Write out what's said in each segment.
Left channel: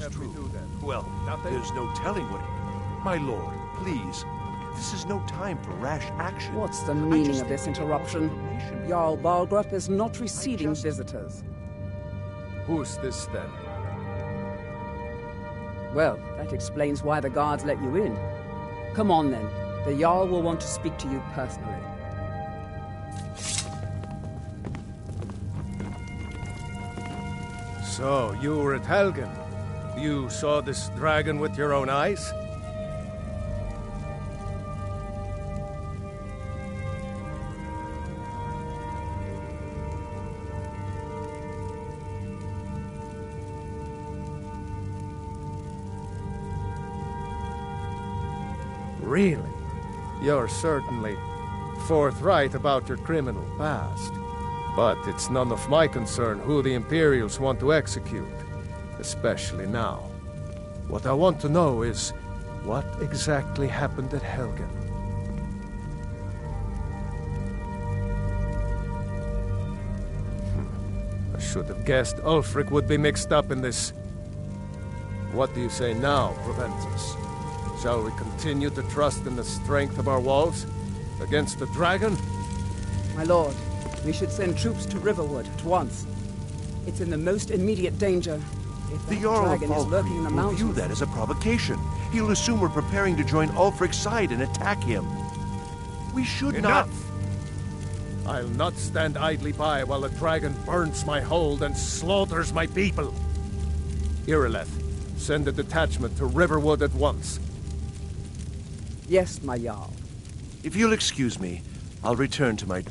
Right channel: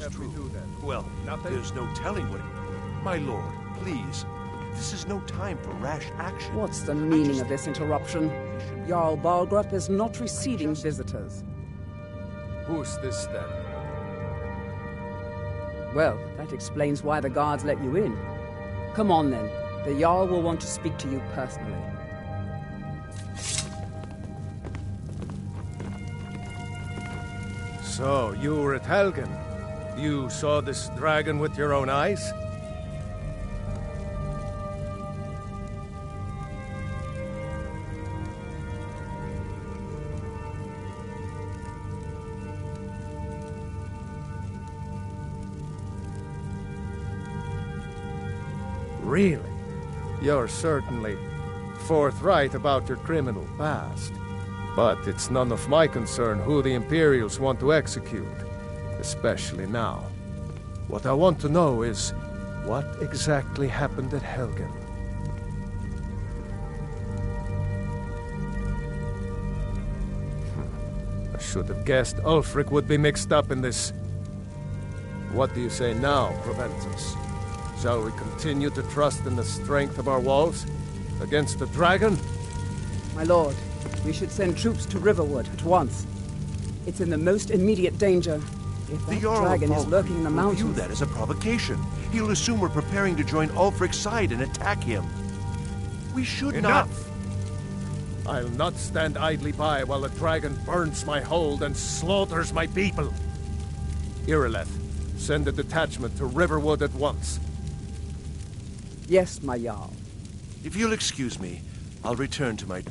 is true. Well, Nothing? there's no telling what... My lord, please. This is no time for rash action. What's the meaning of this interruption? Jarl Balgrup is not receiving visitors. Who's this, then? Well, that explains why the guards let you in. Come on, then. The Jarl will want to speak to you personally. So, you were at Helgen. You saw this dragon with your own eyes? Really? You're certainly forthright about your criminal past. But it's none of my concern who the Imperials want to execute, especially now. What I want to know is, what exactly happened at Helgen? I should have guessed Ulfric would be mixed up in this. What do you say now, Proventus? Shall we continue to trust in the strength of our walls against the dragon? My lord, we should send troops to Riverwood at once. It's in the most immediate danger. If The that Jarl of dragon is lurking in the Valkyrie will view mountains... that as a provocation. He'll assume we're preparing to join Ulfric's side and attack him. We should Enough! I'll not stand idly by while a dragon burns my hold and slaughters my people. Irileth, send a detachment to Riverwood at once. Yes, my Jarl. If you'll excuse me, I'll return to my...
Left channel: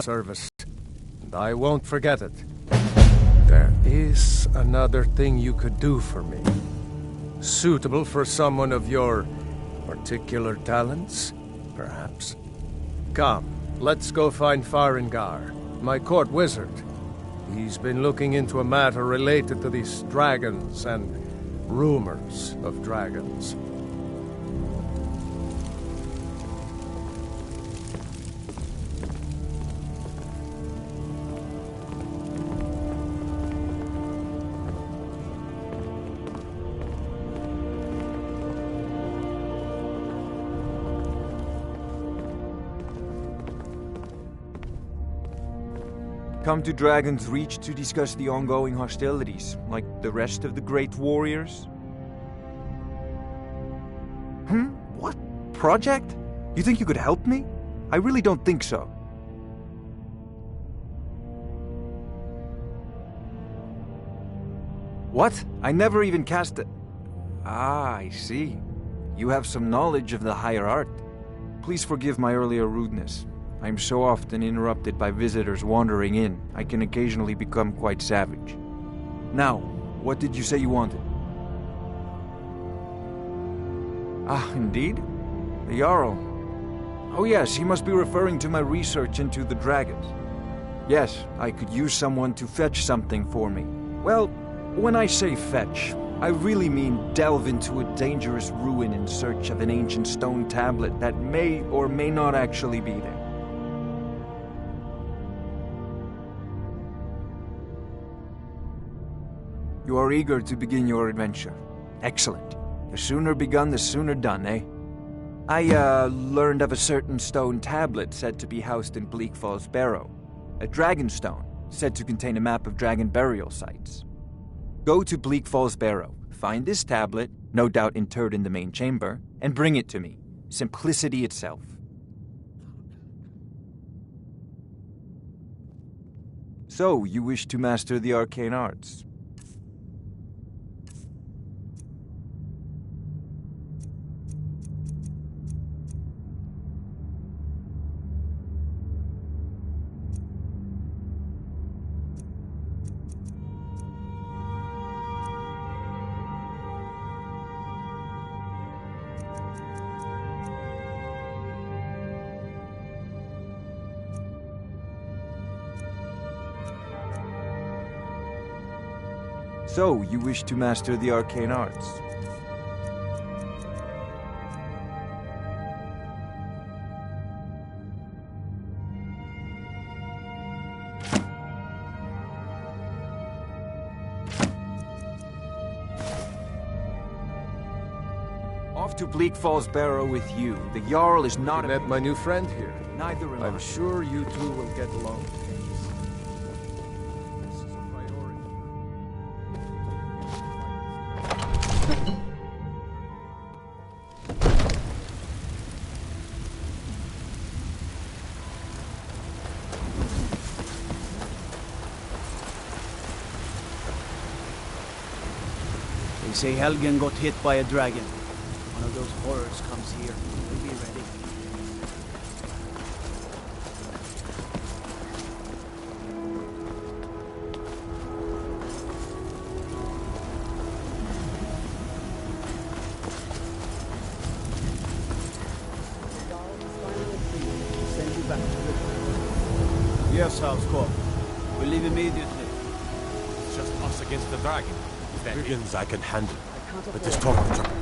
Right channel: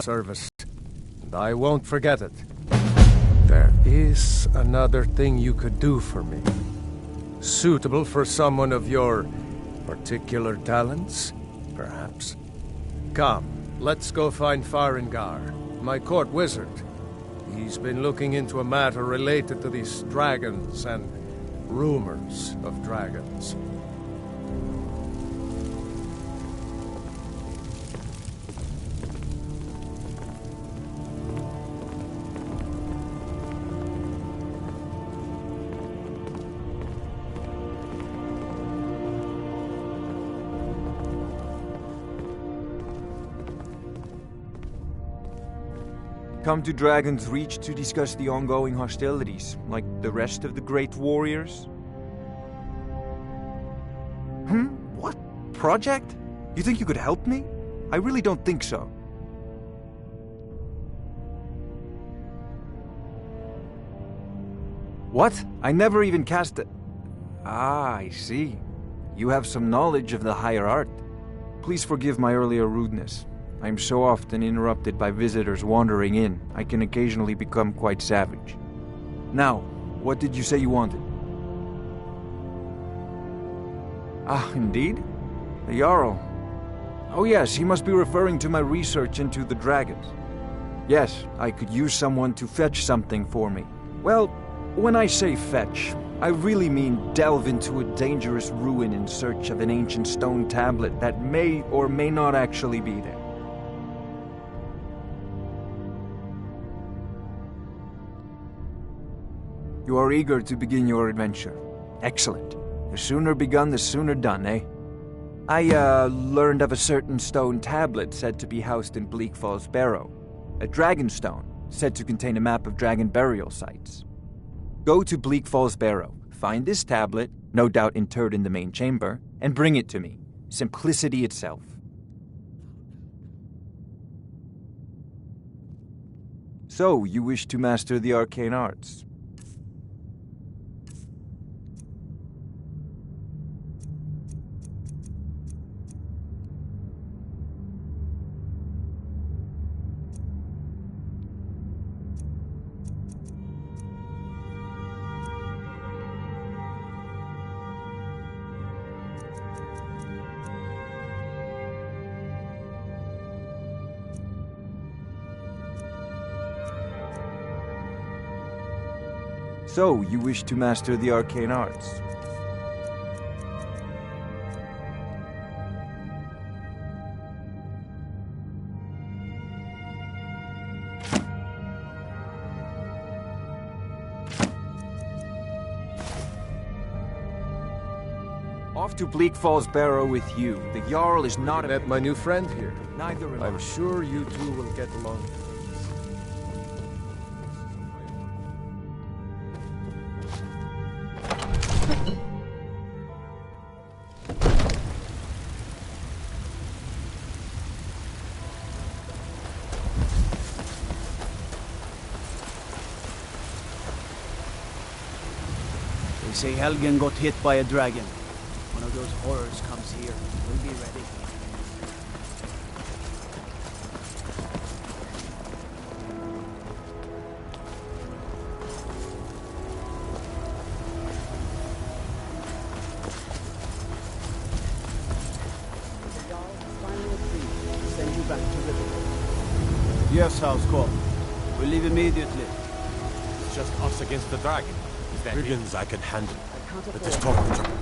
service, and I won't forget it. There is another thing you could do for me. Suitable for someone of your particular talents, perhaps. Come, let's go find Farengar, my court wizard. He's been looking into a matter related to these dragons and rumors of dragons. Come to Dragon's Reach to discuss the ongoing hostilities, like the rest of the great warriors? What? Project? You think you could help me? I really don't think so. What? I never even cast a... Ah, I see. You have some knowledge of the higher art. Please forgive my earlier rudeness. I'm so often interrupted by visitors wandering in, I can occasionally become quite savage. Now, what did you say you wanted? Ah, indeed? The Jarl. Oh yes, he must be referring to my research into the dragons. Yes, I could use someone to fetch something for me. Well, when I say fetch, I really mean delve into a dangerous ruin in search of an ancient stone tablet that may or may not actually be there. You are eager to begin your adventure. Excellent. The sooner begun, the sooner done, eh? I, learned of a certain stone tablet said to be housed in Bleak Falls Barrow. A dragon stone, said to contain a map of dragon burial sites. Go to Bleak Falls Barrow, find this tablet, no doubt interred in the main chamber, and bring it to me. Simplicity itself. So, you wish to master the arcane arts? So, you wish to master the arcane arts? Off to Bleak Falls Barrow with you. The Jarl is not I met my new friend here. Neither am I'm I. sure you two will get along. They say Helgen got hit by a dragon. One of those horrors comes here. We'll be ready. The Jarl has finally agreed to send you back to Riverwood. Yes, Housecorp. We'll leave immediately. It's just us against the dragon. Is that it? Brigands I can handle. I can't But afford this talk of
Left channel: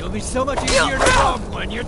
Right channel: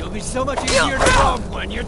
You'll be so much easier to rob when you're...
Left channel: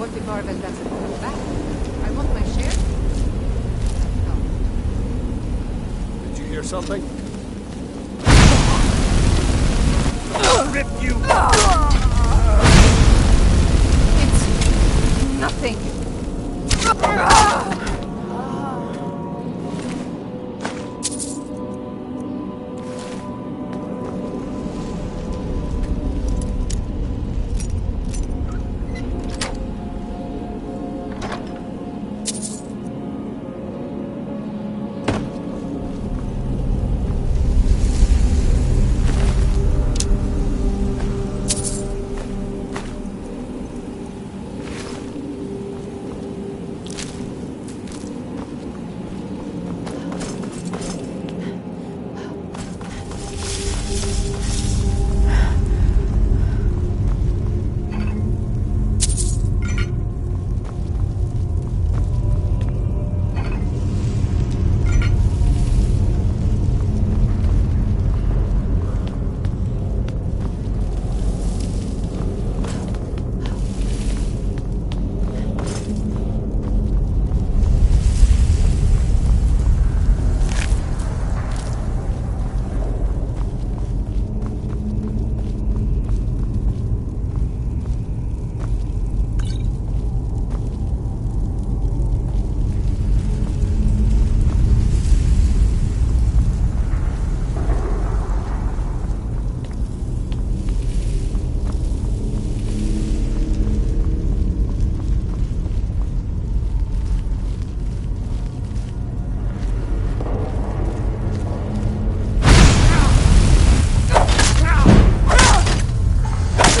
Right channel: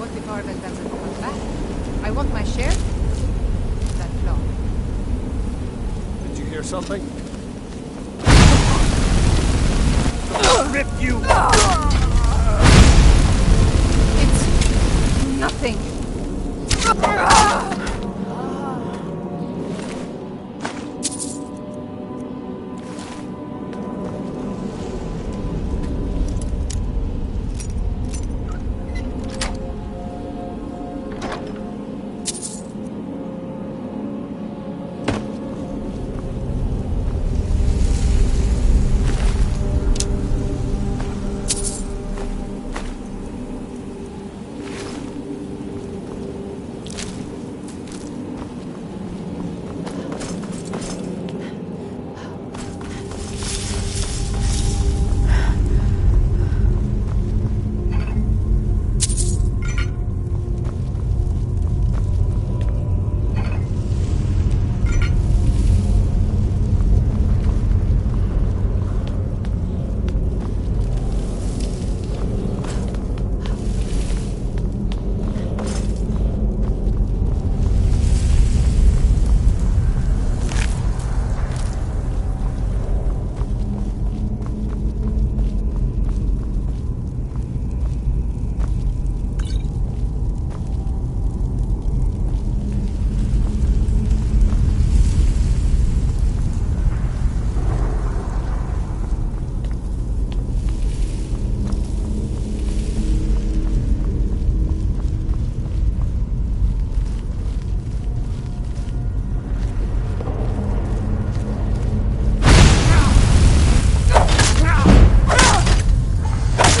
What if Arvel doesn't come back? I want my share. That's all. Did you hear something? Rip you! It's nothing.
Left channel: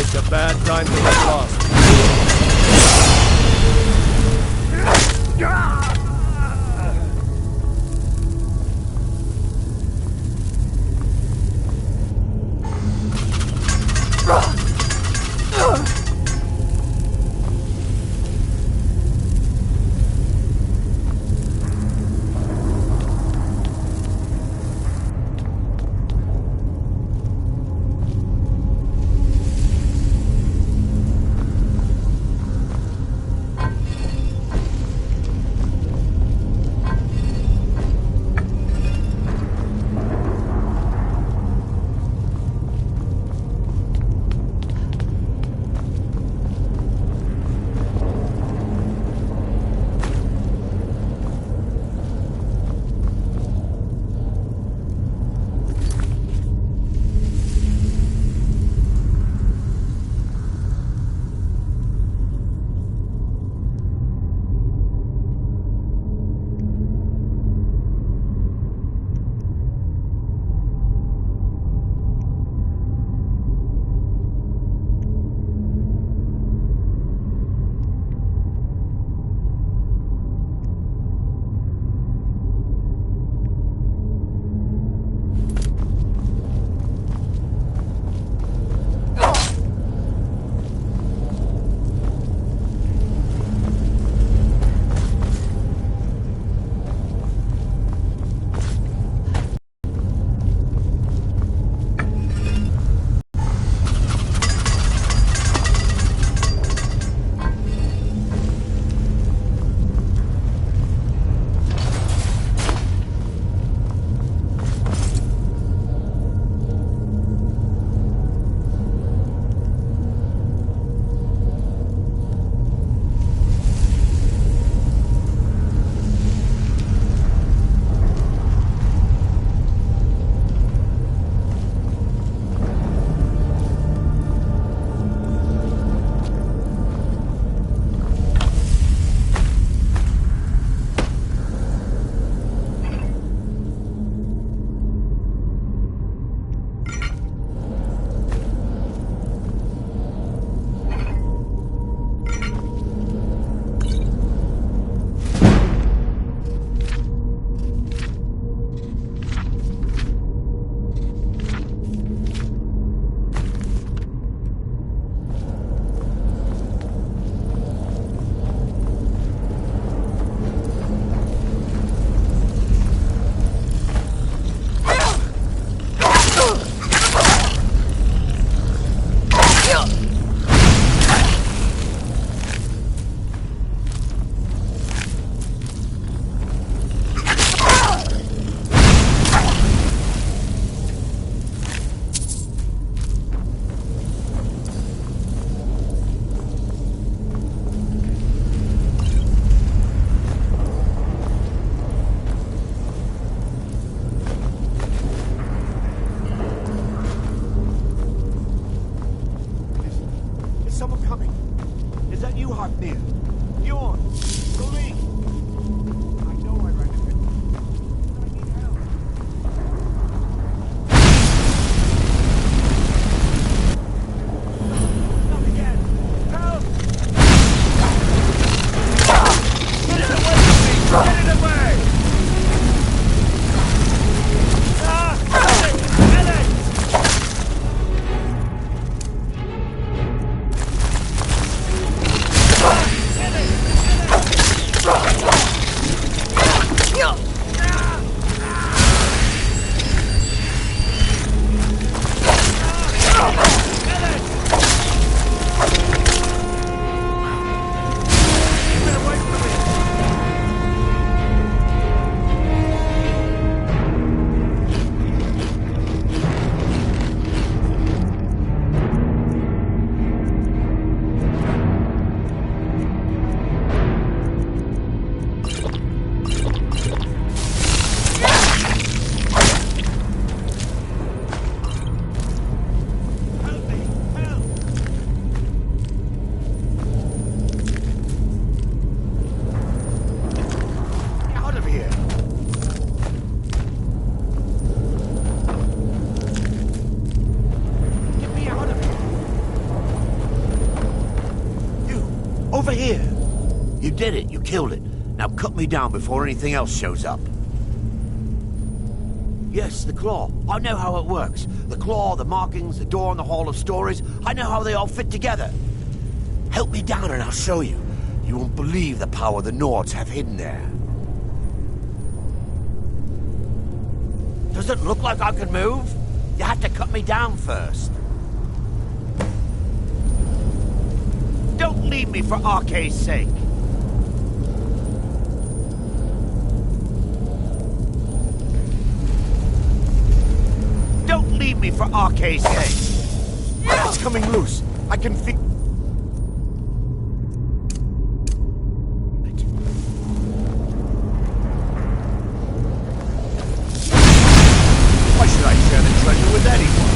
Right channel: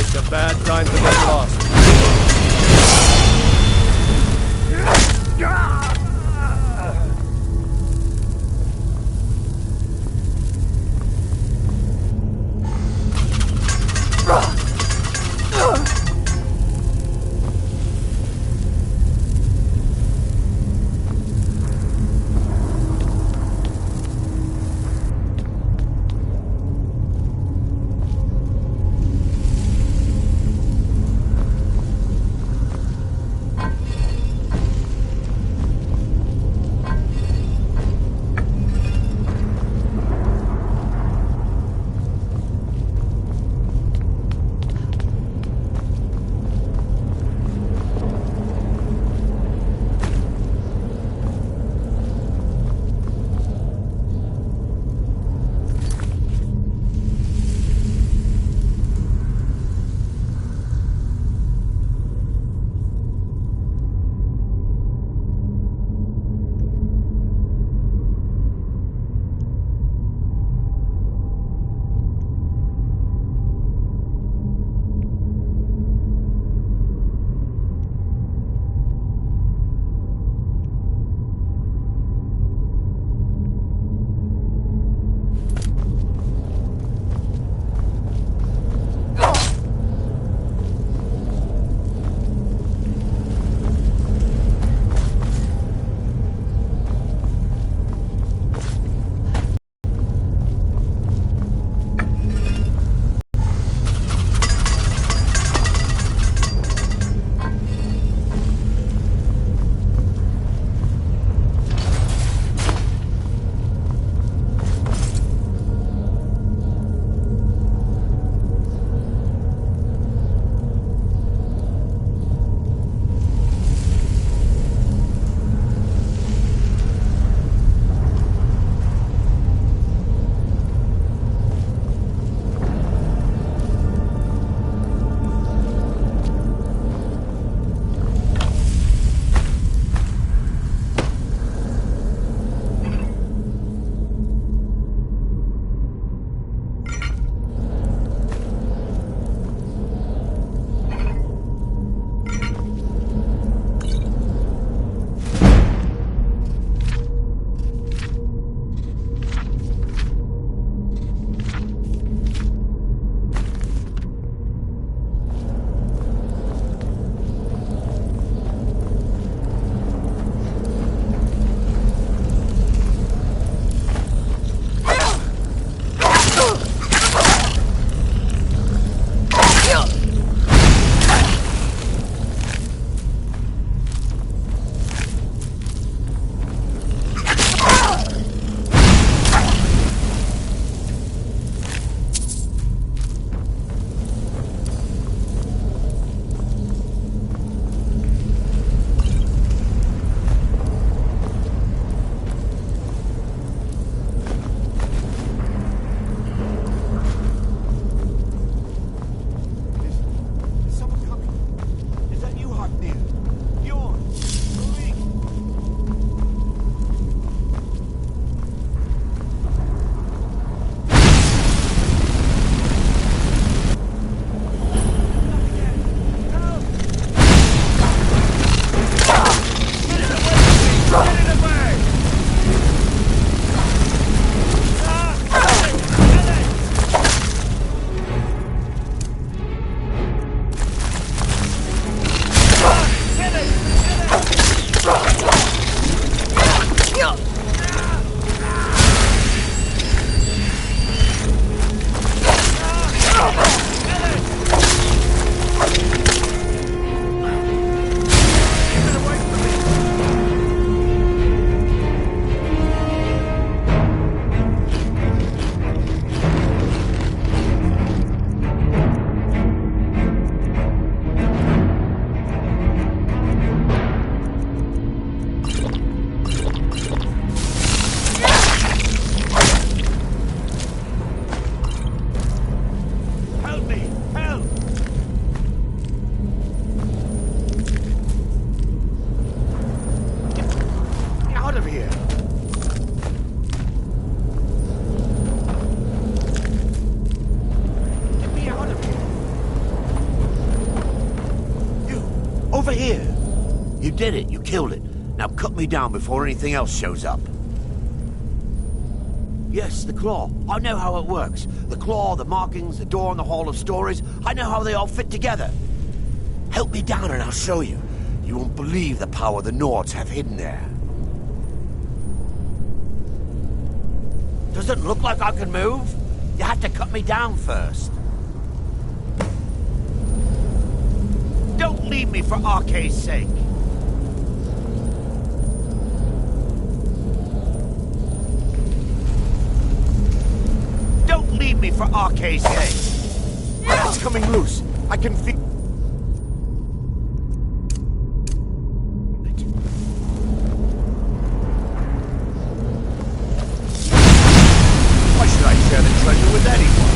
It's a bad time to get lost. someone coming. Is that you, Hartnir? Bjorn? The League? I know I recommend Not again! Help! Get it away from me! Get it away! Over here! You did it. You killed it. Now cut me down before anything else shows up. Yes, the claw. I know how it works. The claw, the markings, the door in the Hall of Stories. I know how they all fit together. Help me down and I'll show you. You won't believe the power the Nords have hidden there. Does it look like I can move? You have to cut me down first. Don't leave me for Arke's sake. Don't leave me for Arke's sake. It's coming loose. I can feel... Why should I share the treasure with anyone?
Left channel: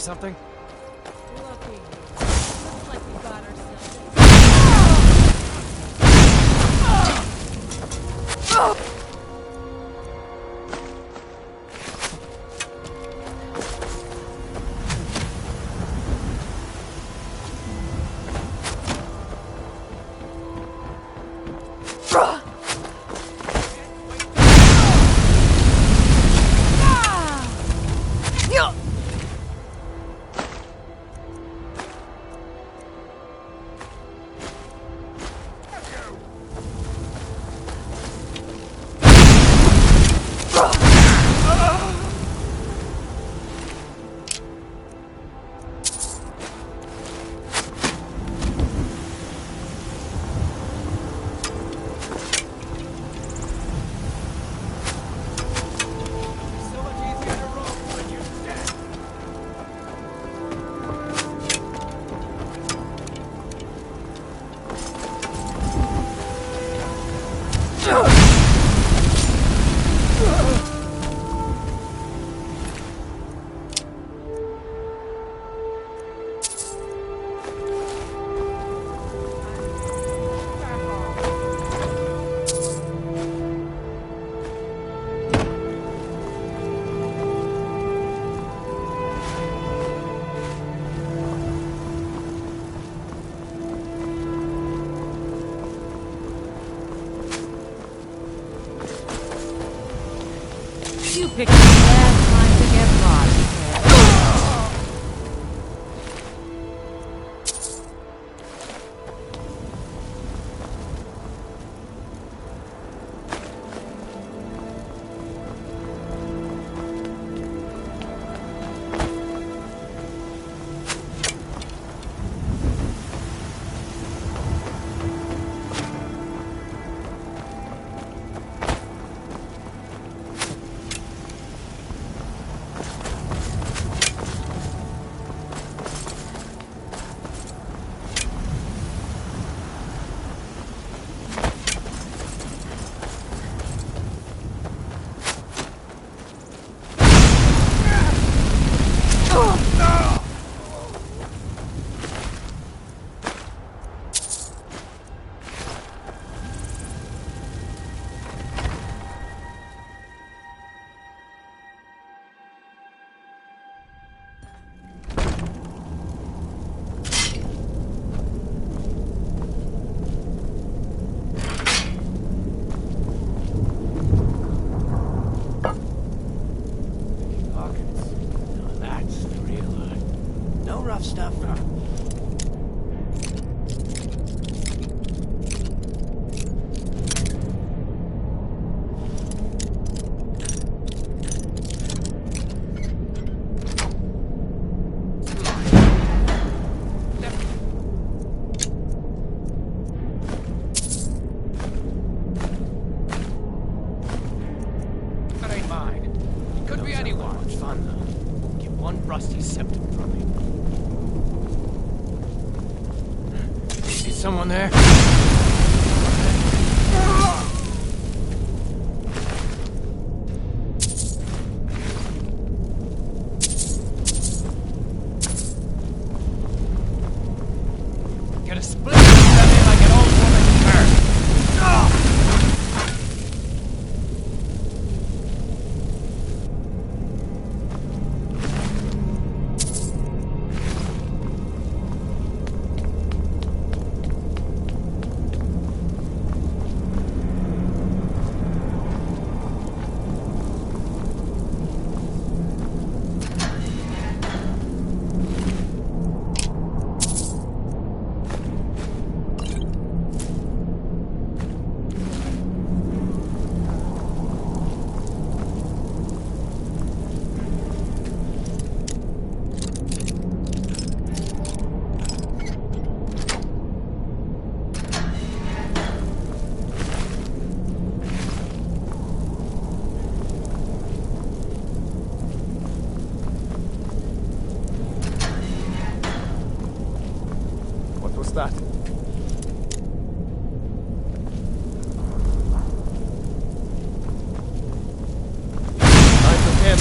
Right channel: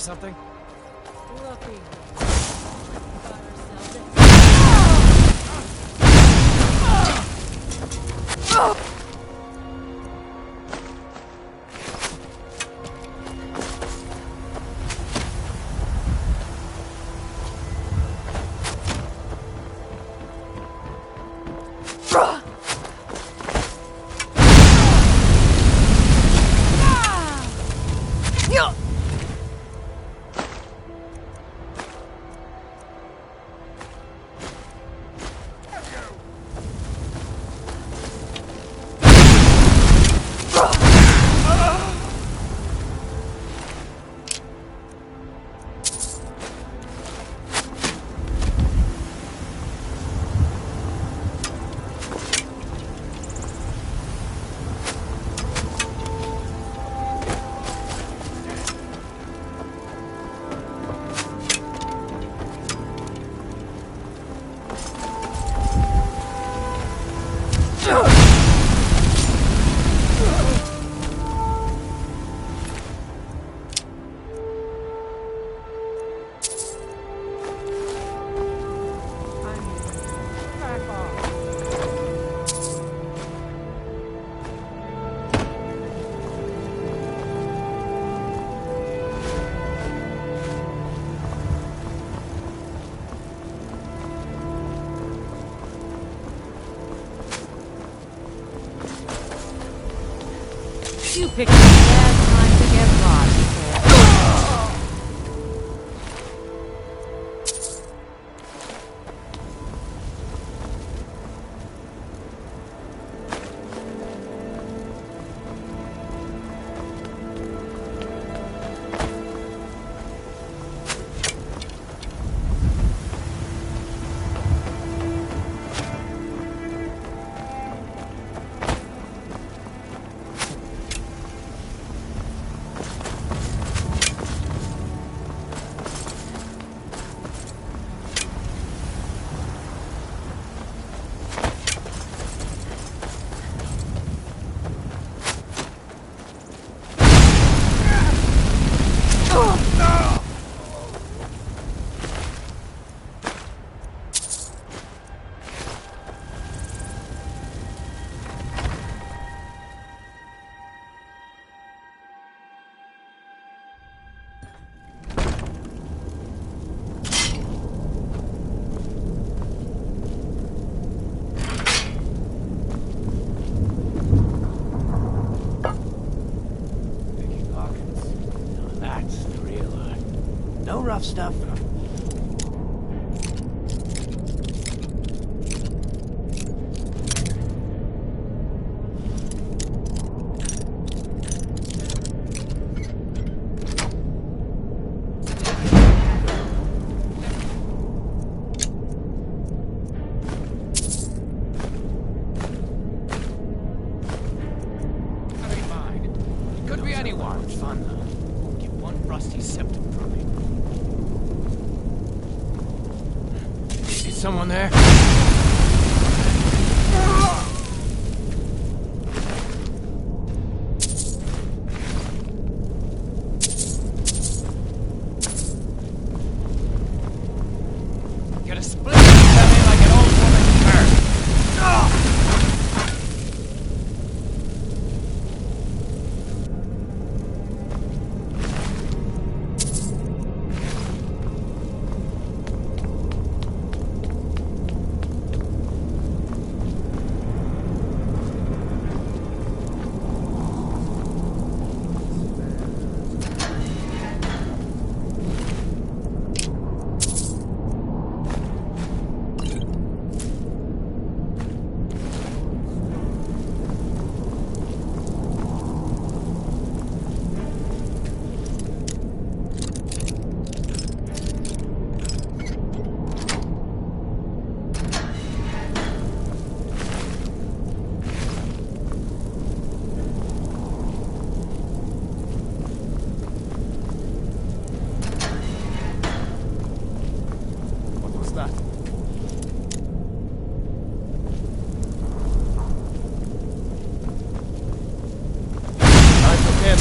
something? Looky here. Looks like we got ourselves a... Back off. You picked a bad time to get lost, sir. That's the real art. No rough stuff. That ain't mine. It could be anyone. It's fun, though. Won't get one rusty septum from me. Is someone there? Gonna split them in like an old woman's car. What was that? I took him.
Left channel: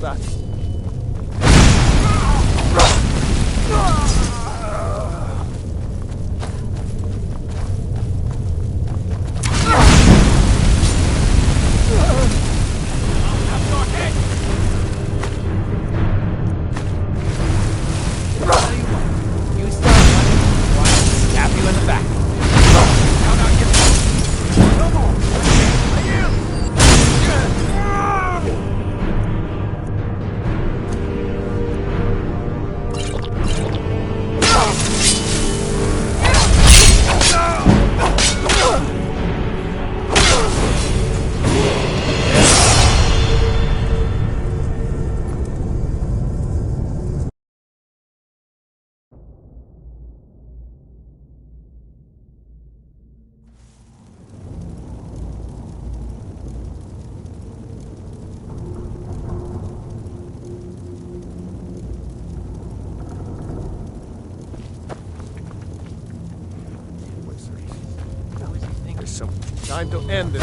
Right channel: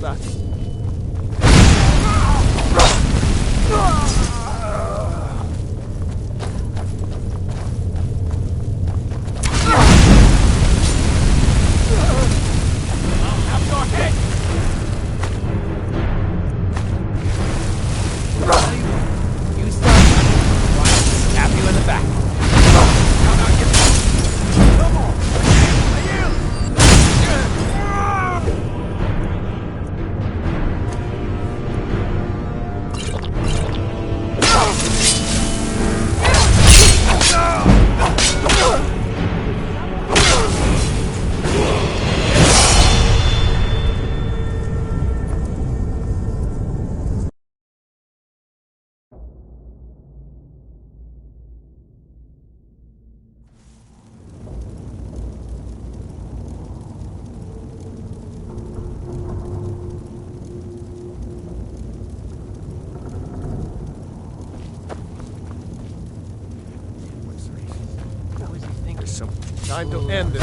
was that? I'll have your head! Tell you what, you start running, or I'll stab you in the back. Now, get back! No more! I yield! There's some time to end this.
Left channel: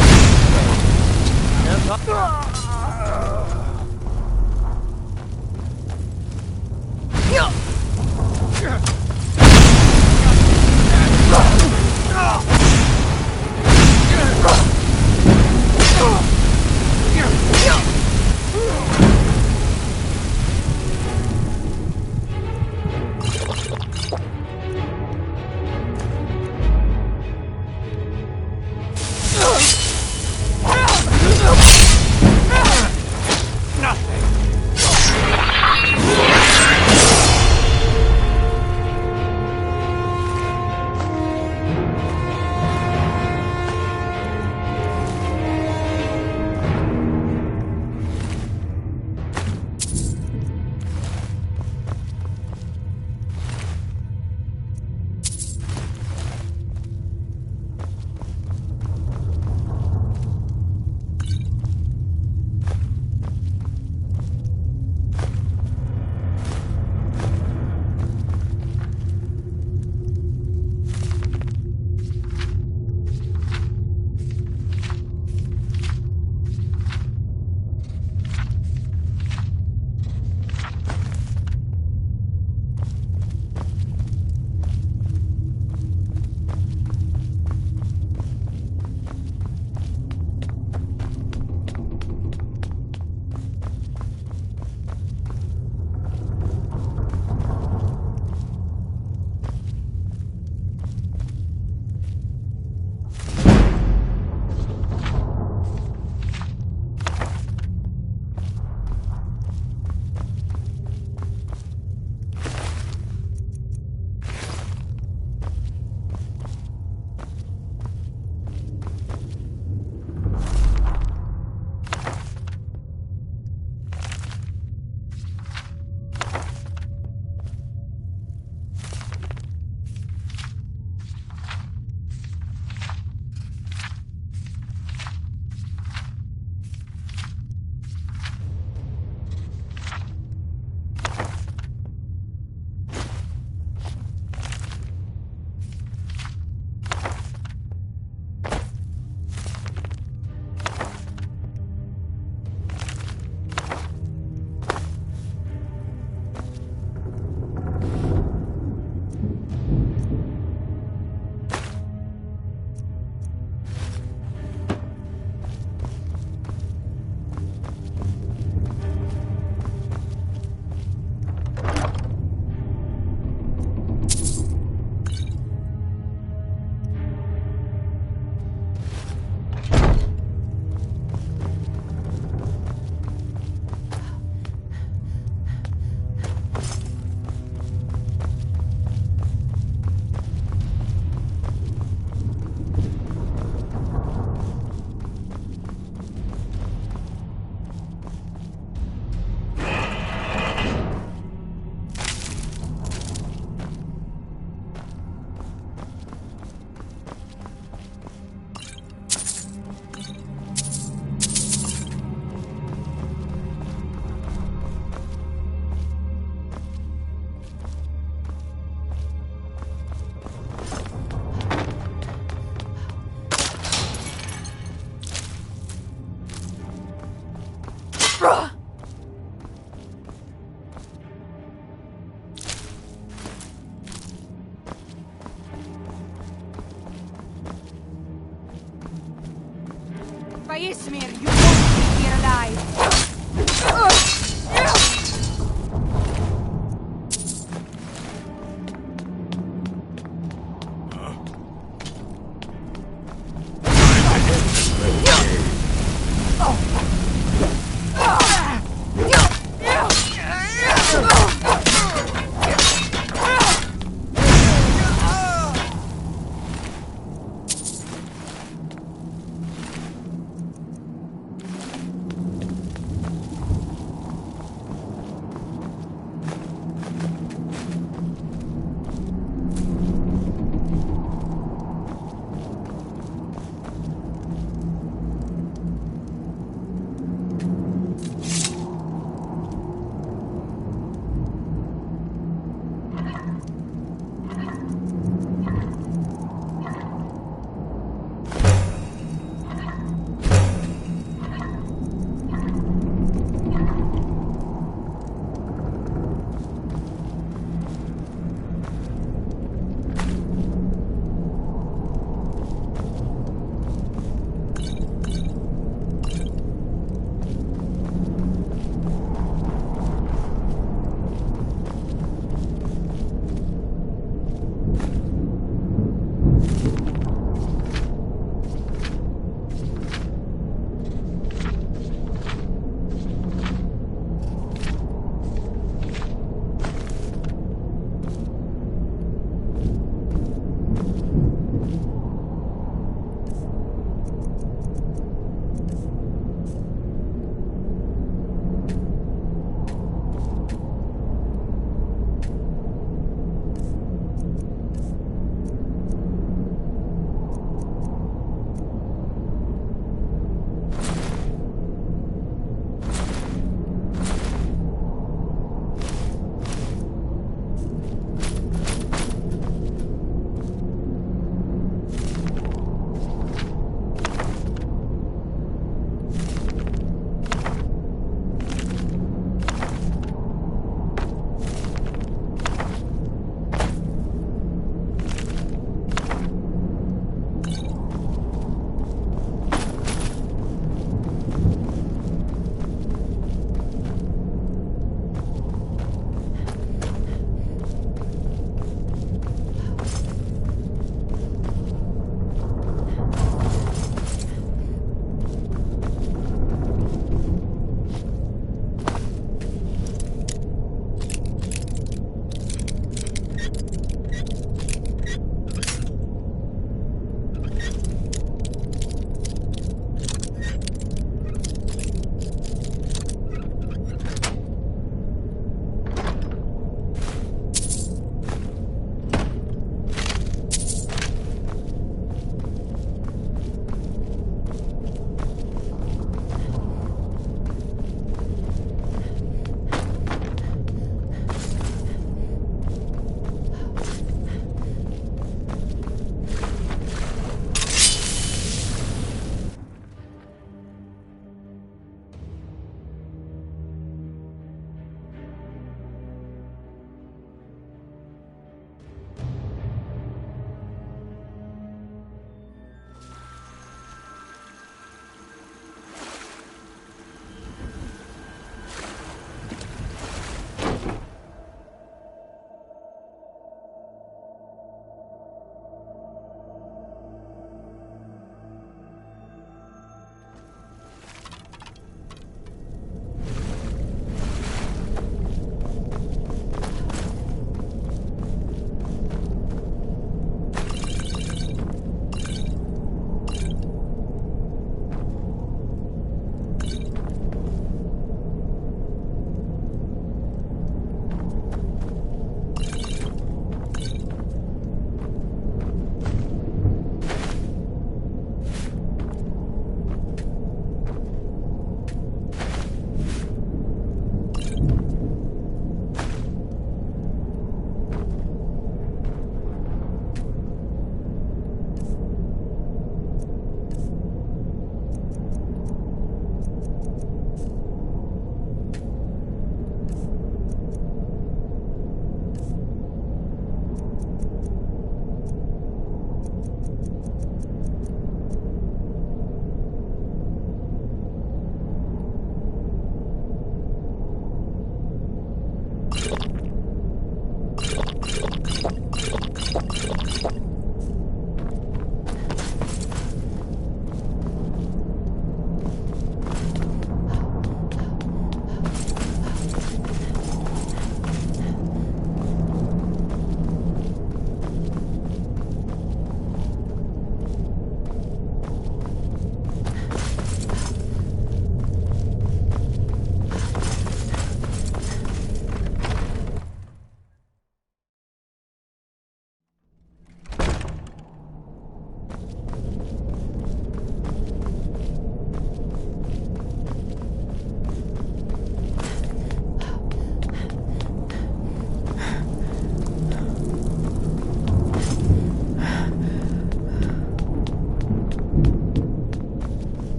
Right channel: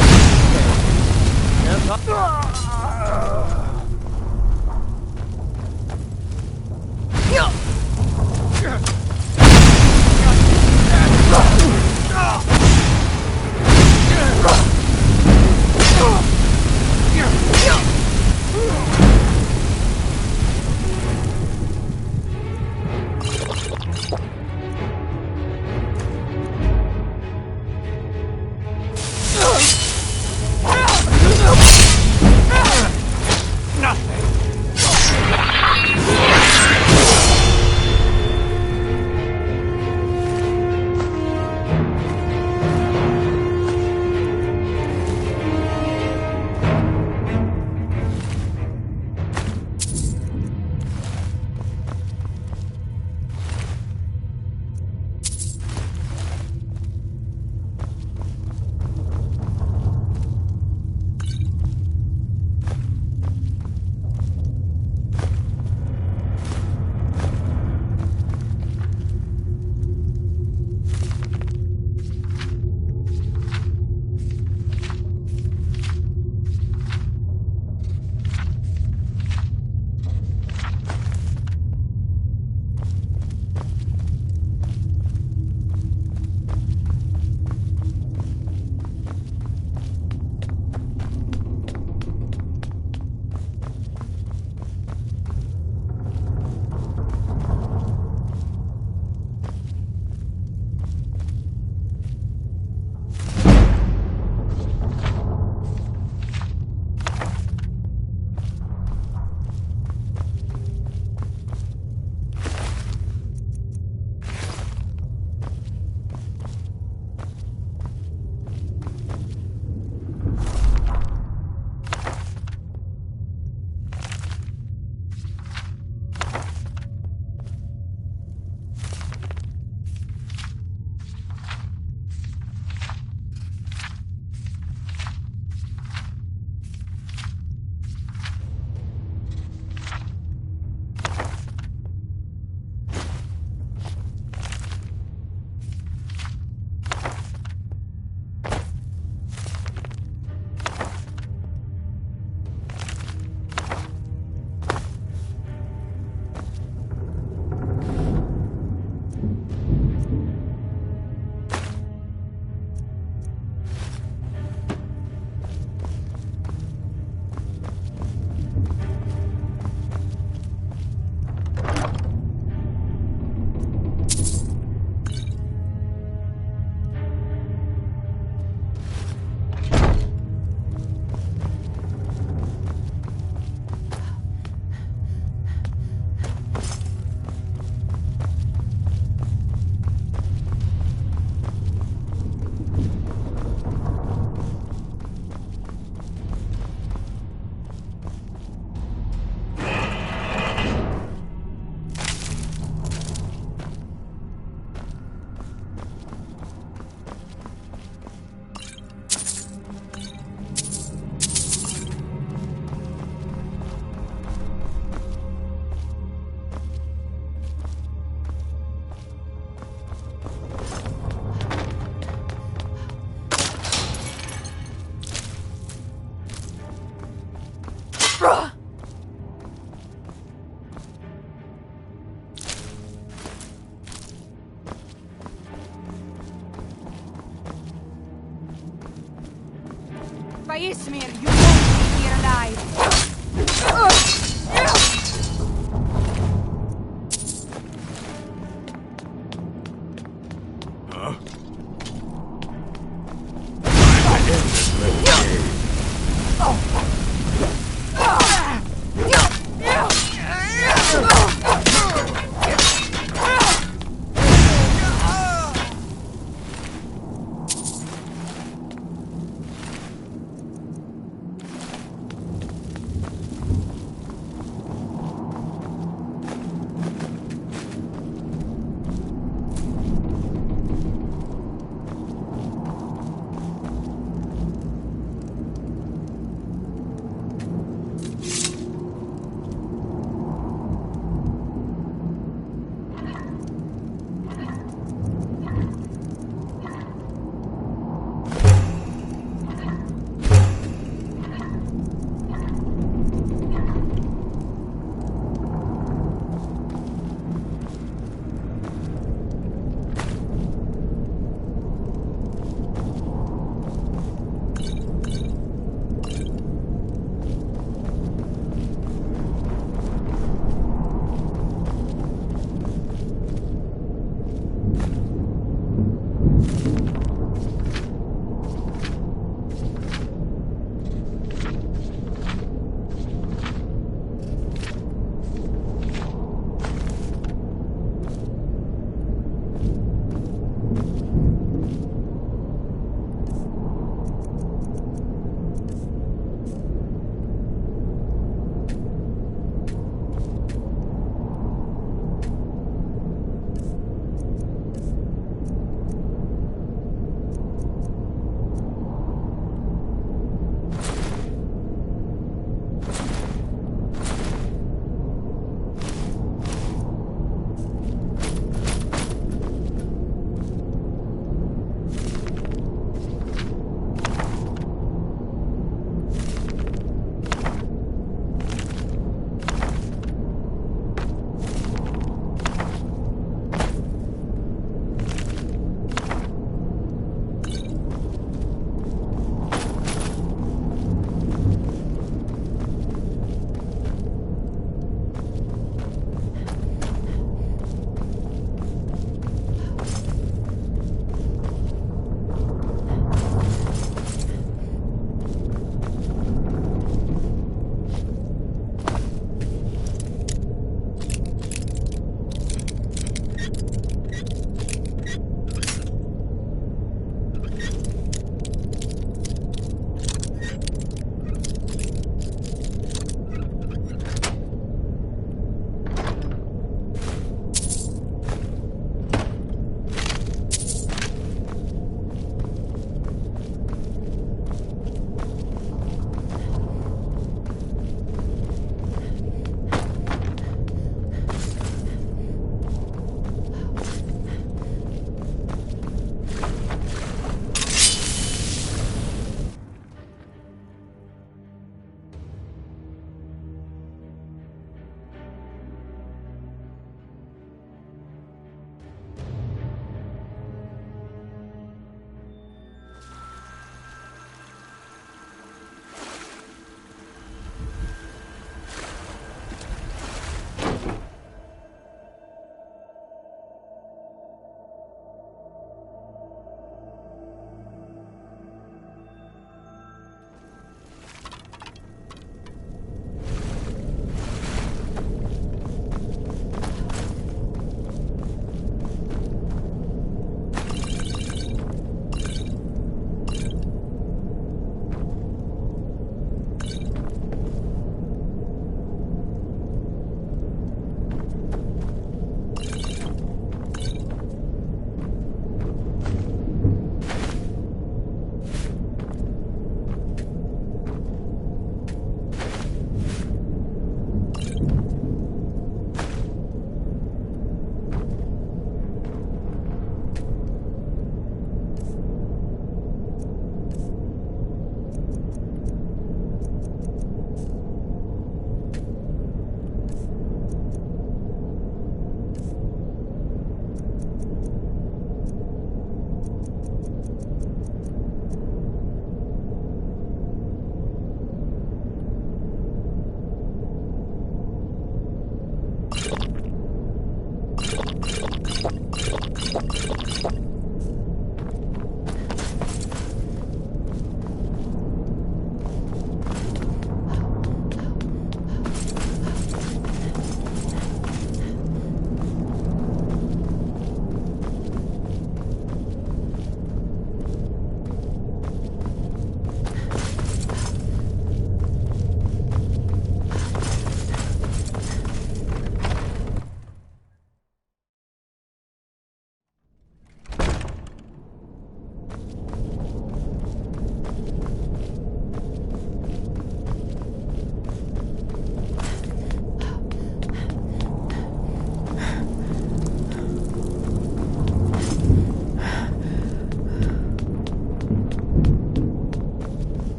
Be here alive.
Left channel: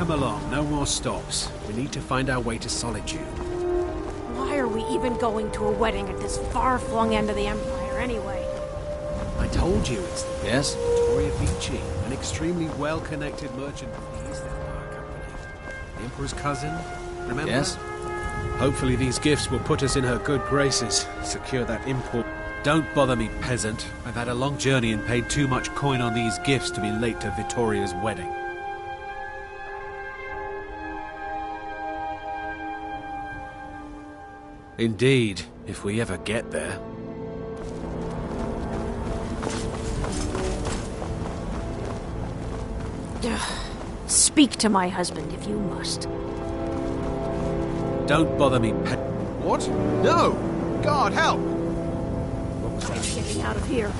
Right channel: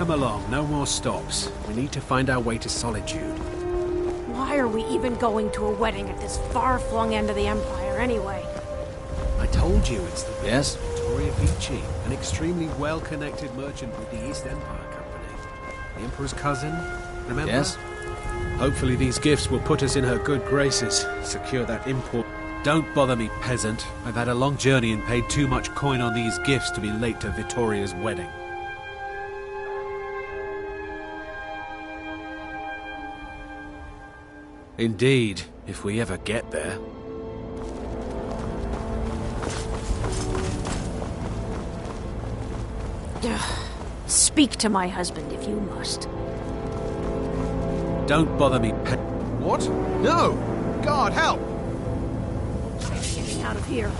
Come along, no more stops. We need to find our way to Solitude. Why are we even going to a wedding at this far-flung end of the Empire, anyway? I told you it's the Yes? Vittoria Vici, an extremely well-connected merchant with the East Empire Company. The Emperor's cousin, remember? Yes? Hopefully these gifts will put us in her good graces, secure that import. Don't bother me, peasant. I've had a long journey and paid too much coin on these gifts to be late to Vittoria's wedding. Indeed, if we ever get there. Speak to my husband if you must. Don't bother me, What? No! God, help! I'm getting out of here.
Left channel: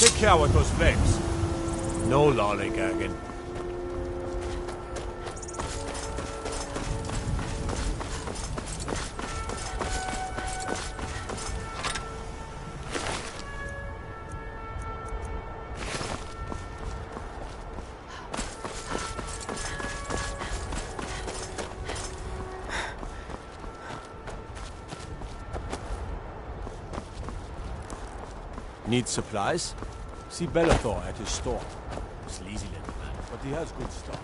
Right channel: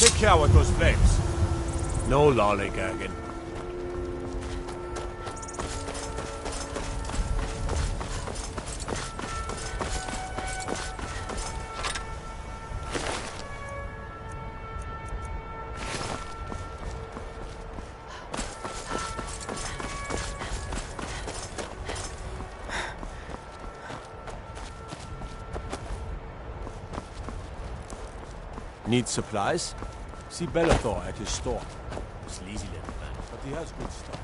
Take care with those flames. No lollygagging. Need supplies? See Bellator at his store. Sleazy little man, but he has good stuff.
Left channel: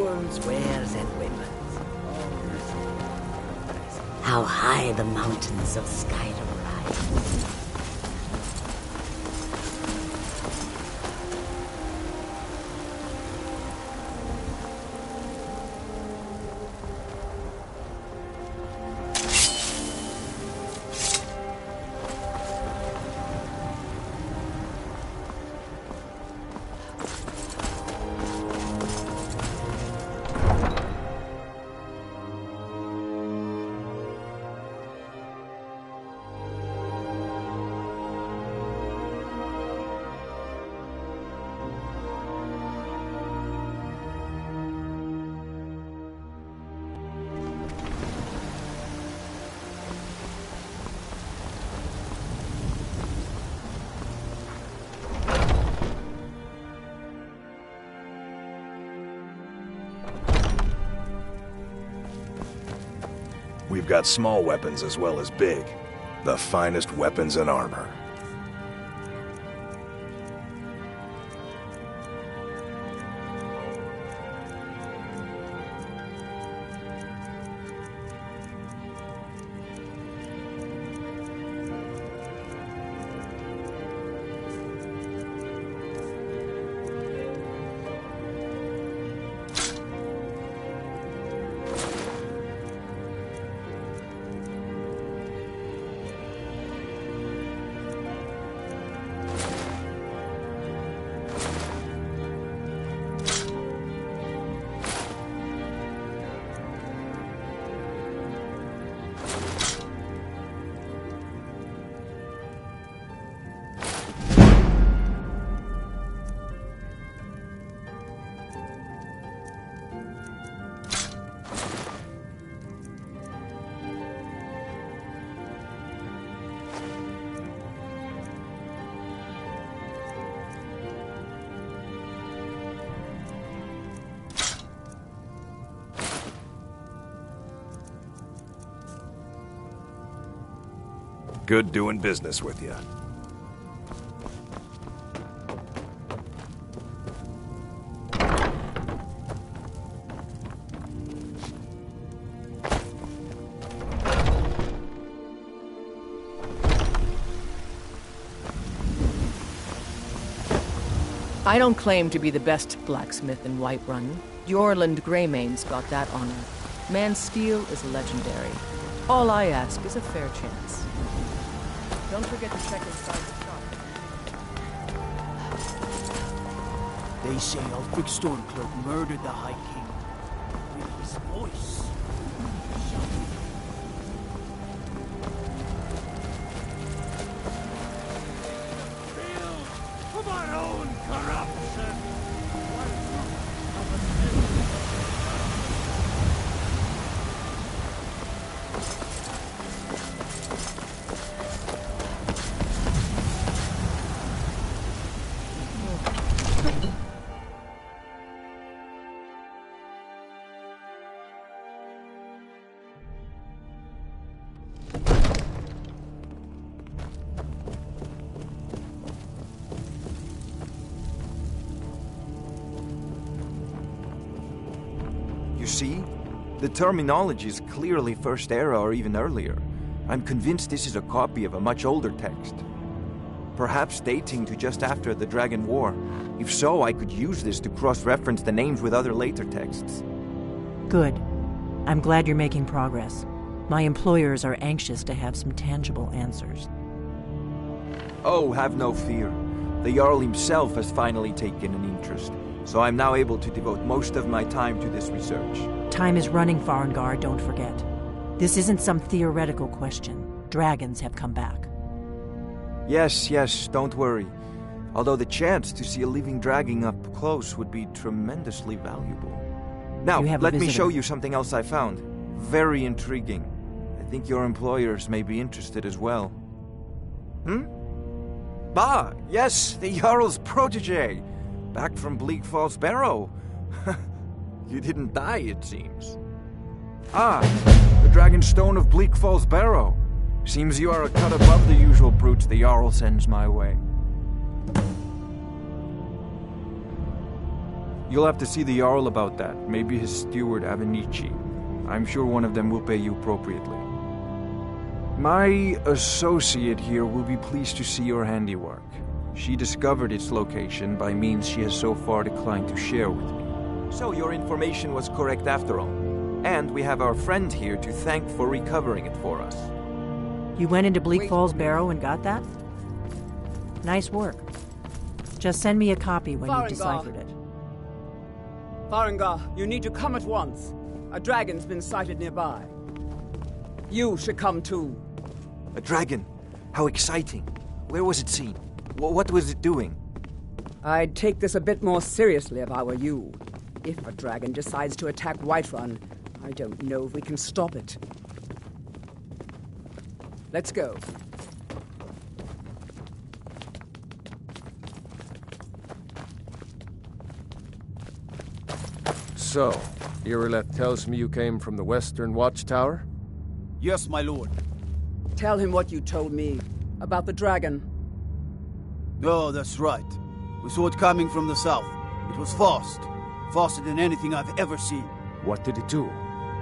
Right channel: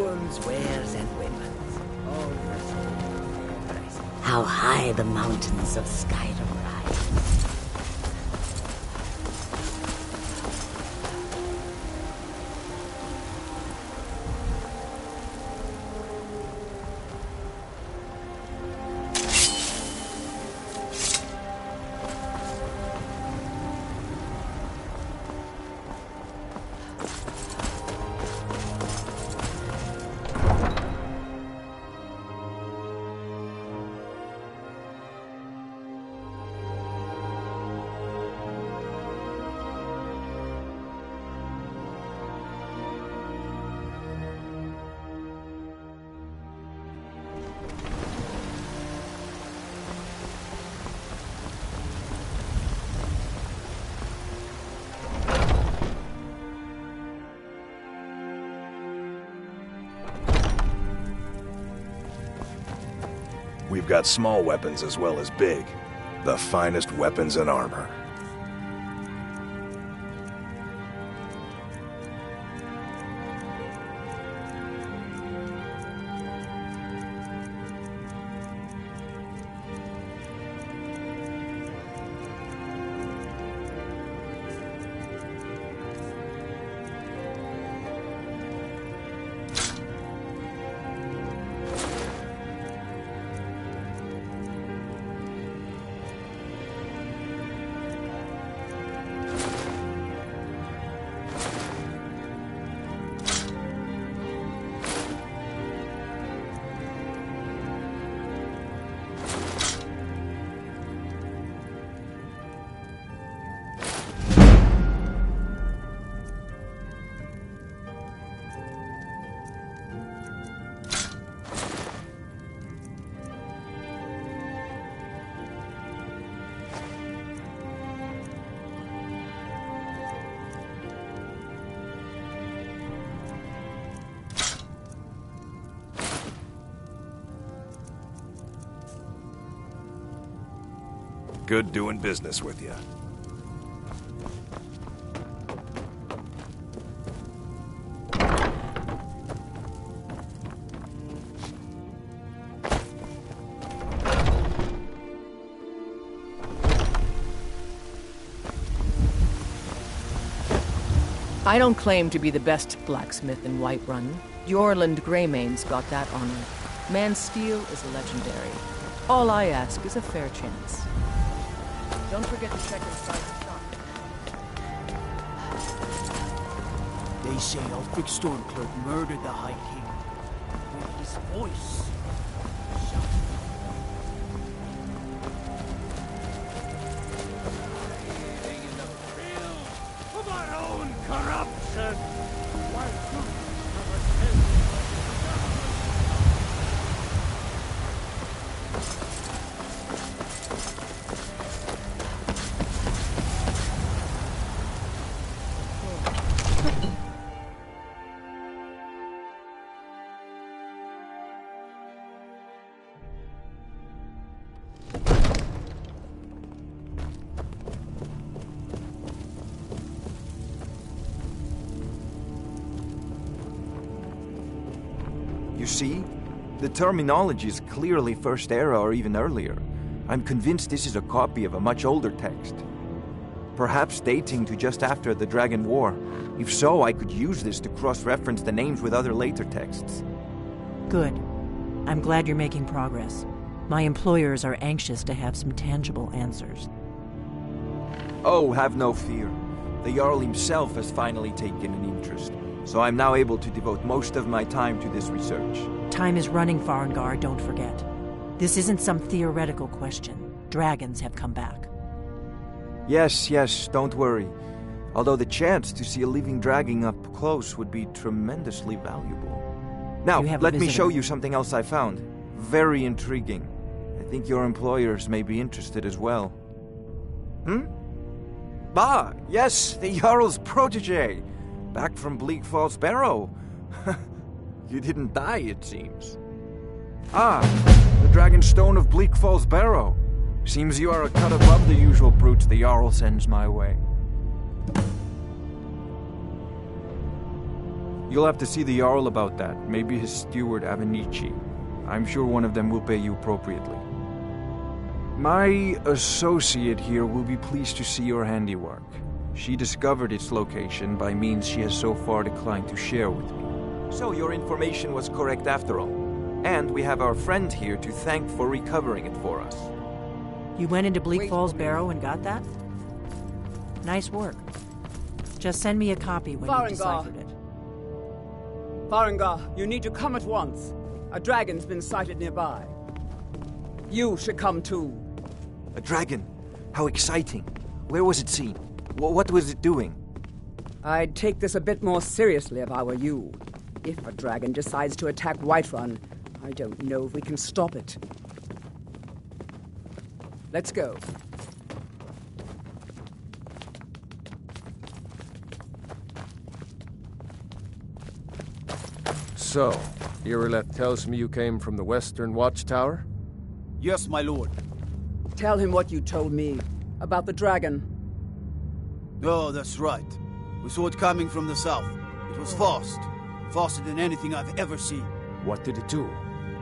wounds. Wares and weapons. How high the mountains of Skyrim rise. We've got small weapons as well as big. The finest weapons and armor. Good doing business with you. I don't claim to be the best blacksmith in Whiterun. Jorland Greymane's got that honor. Man's steel is legendary. All I ask is a fair chance. Don't forget to check inside the shop. They say Ulfric Stormcloak murdered the High King with his voice. Of our own corruption! You see? The terminology is clearly First Era or even earlier. I'm convinced this is a copy of a much older text. Perhaps dating to just after the Dragon War. If so, I could use this to cross-reference the names with other later texts. Good. I'm glad you're making progress. My employers are anxious to have some tangible answers. Oh, have no fear. The Jarl himself has finally taken an interest, so I'm now able to devote most of my time to this research. Time is running, Farengar, don't forget. This isn't some theoretical question. Dragons have come back. Yes, don't worry. Although the chance to see a living dragon up close would be tremendously valuable. Now, let me show you something else I found. Very intriguing. I think your employers may be interested as well. Ah, yes, the Jarl's protege. Back from Bleak Falls Barrow. You didn't die, it seems. Ah, the Dragon Stone of Bleak Falls Barrow. Seems you are a cut above the usual brutes the Jarl sends my way. You'll have to see the Jarl about that. Maybe his steward, Avenici. I'm sure one of them will pay you appropriately. My associate here will be pleased to see your handiwork. She discovered its location by means she has so far declined to share with me. So your information was correct after all. And we have our friend here to thank for recovering it for us. You went into Bleak Falls Barrow and got that? Nice work. Just send me a copy when you've deciphered it. Farengar, you need to come at once. A dragon's been sighted nearby. You should come too. A dragon? How exciting. Where was it seen? What was it doing? I'd take this a bit more seriously if I were you. If a dragon decides to attack Whiterun, I don't know if we can stop it. Let's go. So, Irileth tells me you came from the Western Watchtower? Yes, my lord. Tell him what you told me about the dragon. Oh, that's right. We saw it coming from the south. It was fast. Faster than anything I've ever seen. What did it do?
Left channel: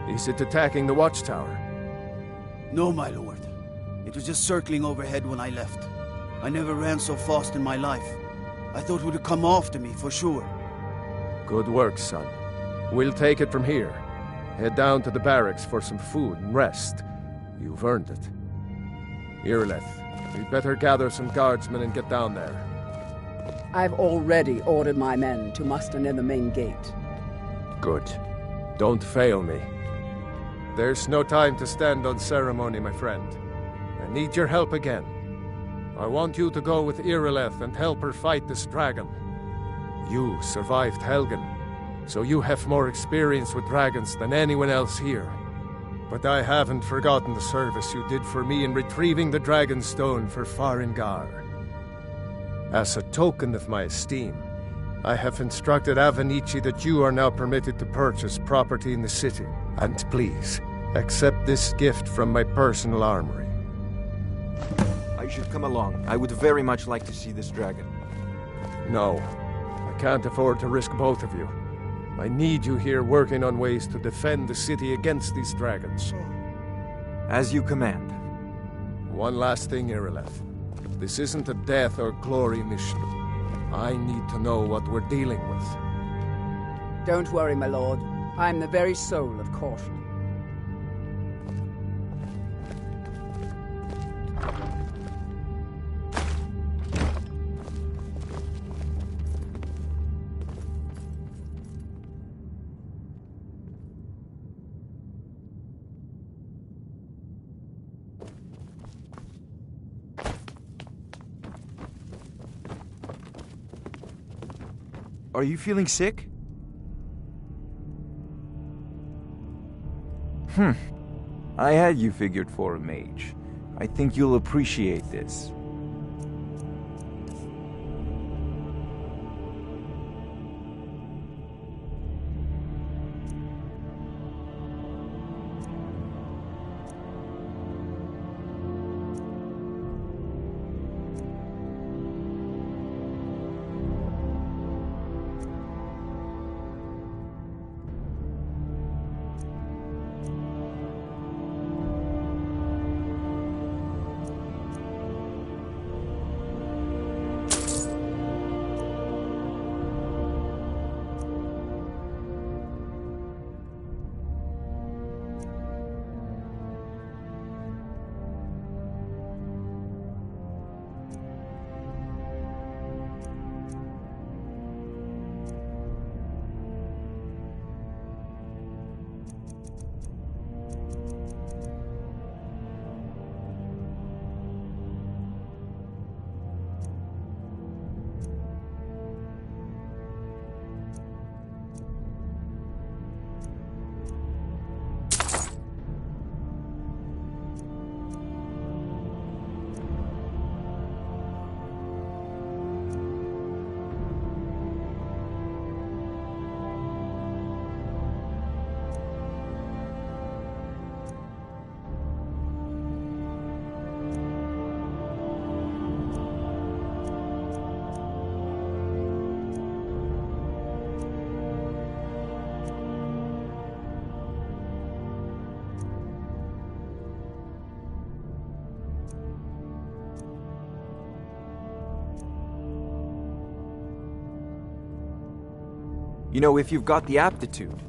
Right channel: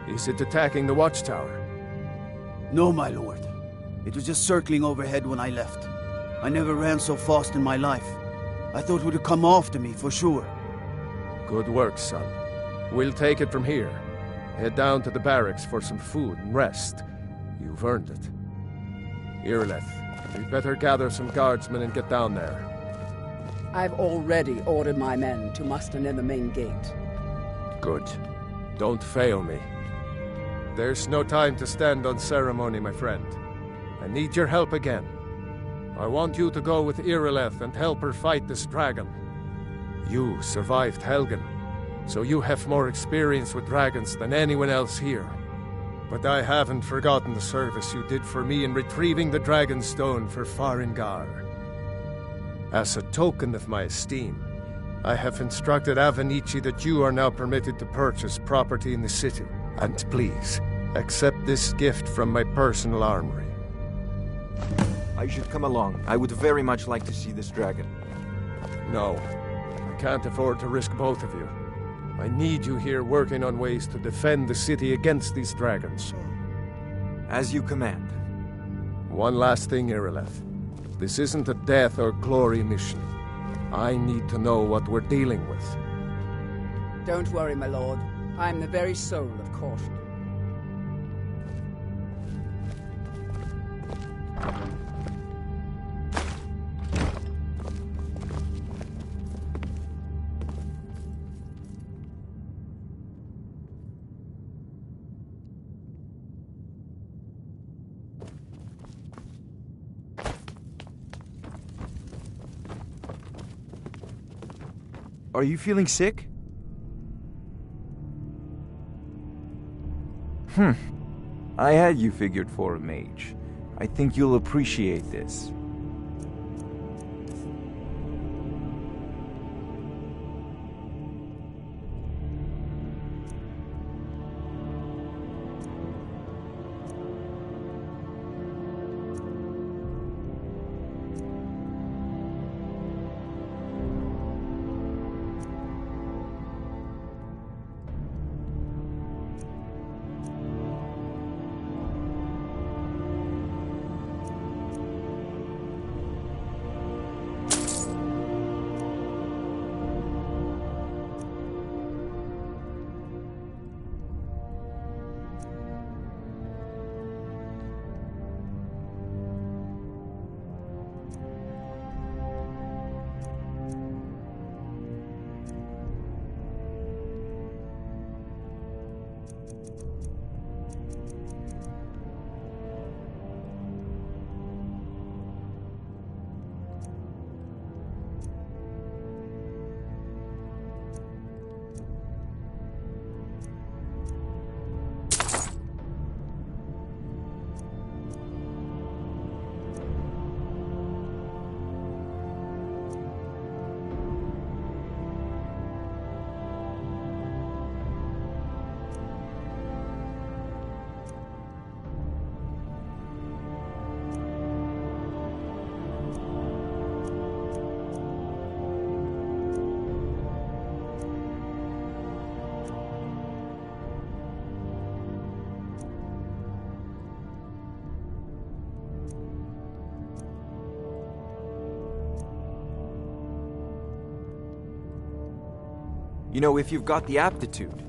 Is it attacking the Watchtower? No, my lord. It was just circling overhead when I left. I never ran so fast in my life. I thought it would come after me, for sure. Good work, son. We'll take it from here. Head down to the barracks for some food and rest. You've earned it. Irileth, we'd better gather some guardsmen and get down there. I've already ordered my men to muster near the main gate. Good. Don't fail me. There's no time to stand on ceremony, my friend. I need your help again. I want you to go with Irileth and help her fight this dragon. You survived Helgen, so you have more experience with dragons than anyone else here. But I haven't forgotten the service you did for me in retrieving the Dragon Stone for Farengar. As a token of my esteem, I have instructed Avenici that you are now permitted to purchase property in the city. And please, accept this gift from my personal armory. I should come along. I would very much like to see this dragon. No, I can't afford to risk both of you. I need you here working on ways to defend the city against these dragons. As you command. One last thing, Irileth. This isn't a death or glory mission. I need to know what we're dealing with. Don't worry, my lord. I'm the very soul of caution. Are you feeling sick? I had you figured for a mage. I think you'll appreciate this. You know, if you've got the aptitude,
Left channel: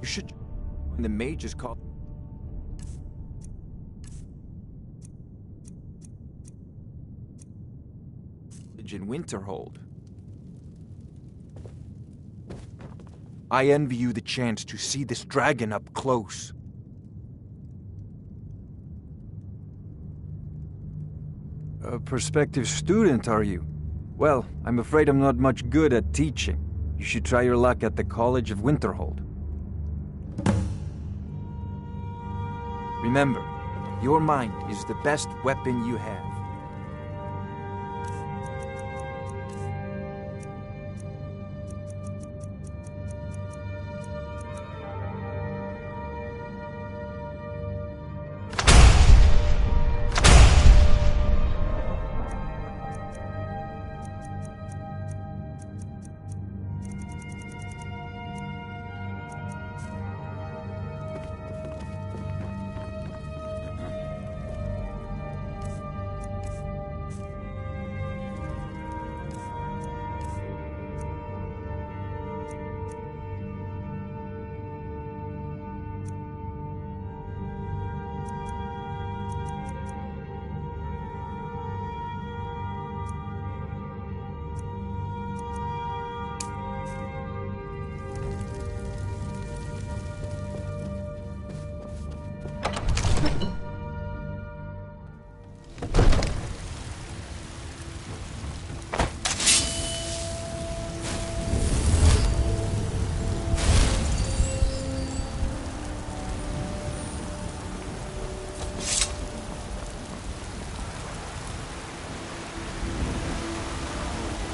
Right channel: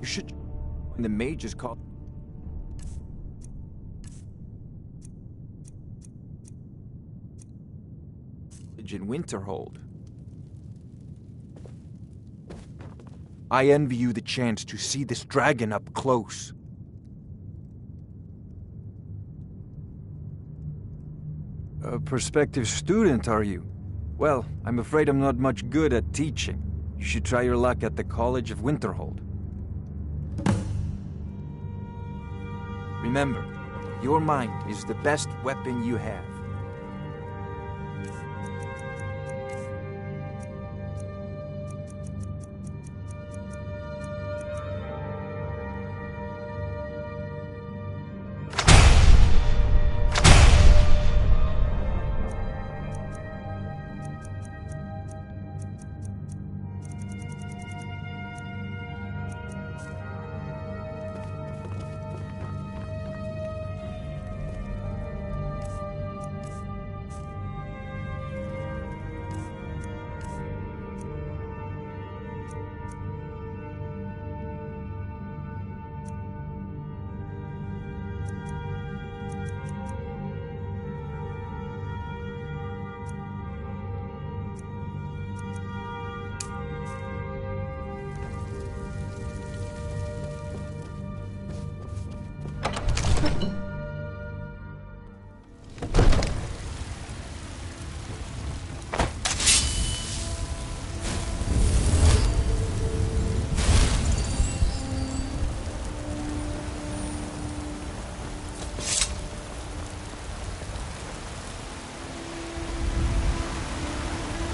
you should join the Mages College. In Winterhold. I envy you the chance to see this dragon up close. A prospective student, are you? Well, I'm afraid I'm not much good at teaching. You should try your luck at the College of Winterhold. Remember, your mind is the best weapon you have.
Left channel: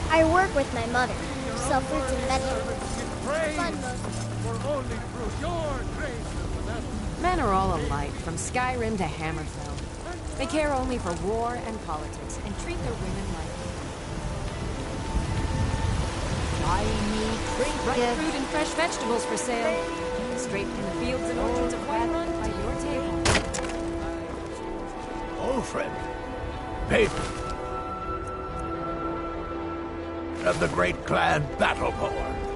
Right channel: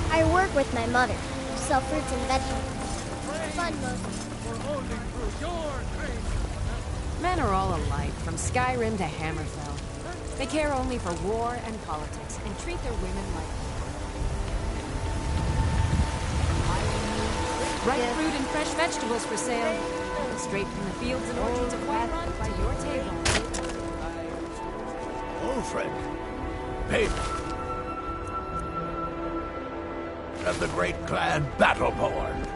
I work with my mother. We sell fruits and vegetables. Fun mostly. Men are all alike, from Skyrim to Hammerfell. They care only for war and politics, and treat their women like... Ripe fruit and fresh vegetables for sale. Straight from the fields and orchards of Whiterun by your table. Old friend. Baby. Of the great clan Battleborn.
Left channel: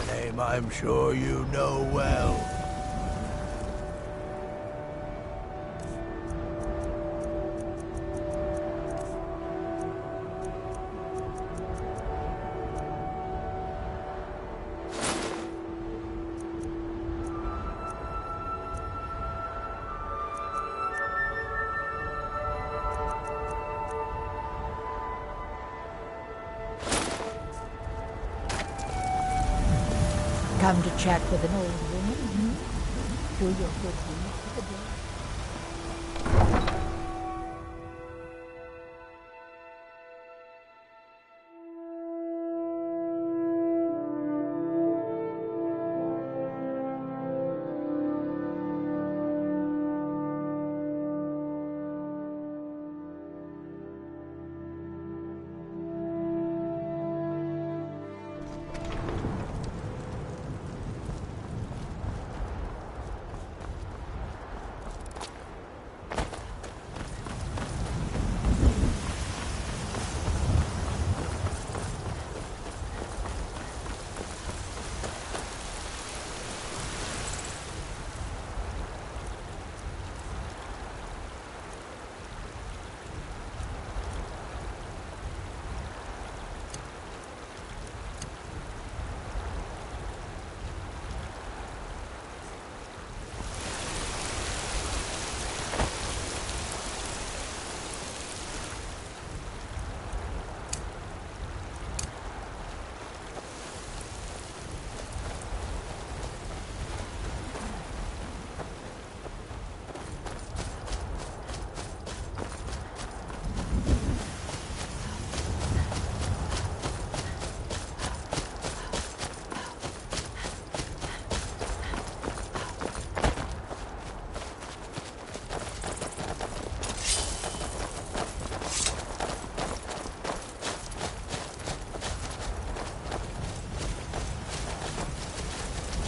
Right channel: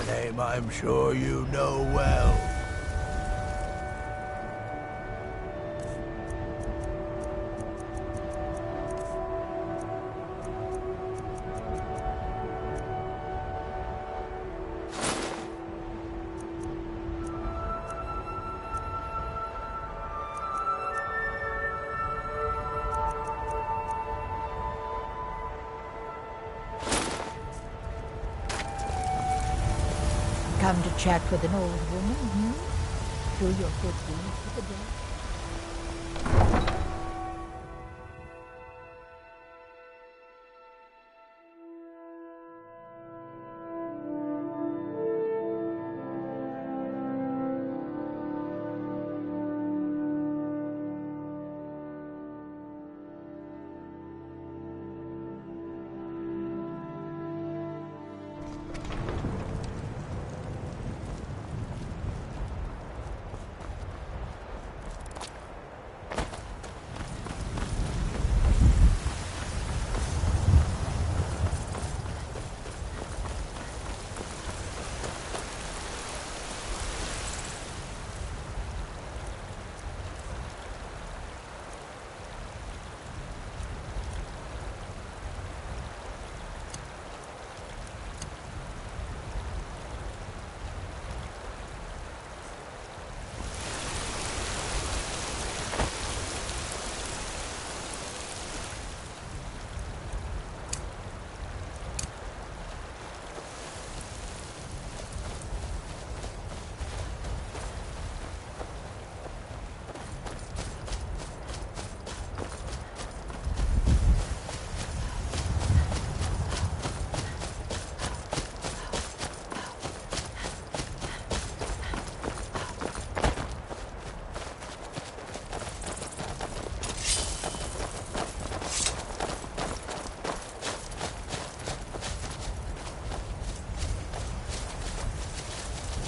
A name I'm sure you know well. Come to chat with an old woman, hmm? Do your good deed for the day.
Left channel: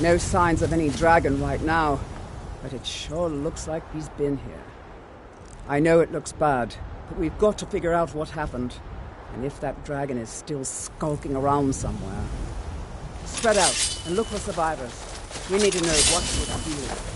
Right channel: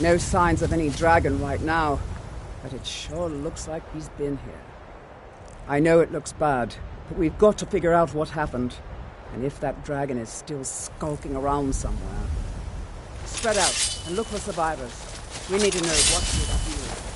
No signs of any dragon right now, but it sure looks like he's been here. I know it looks bad, but we've got to figure out what happened, and if that dragon is still skulking around somewhere. Spread out and look for survivors. We need to know what we're doing.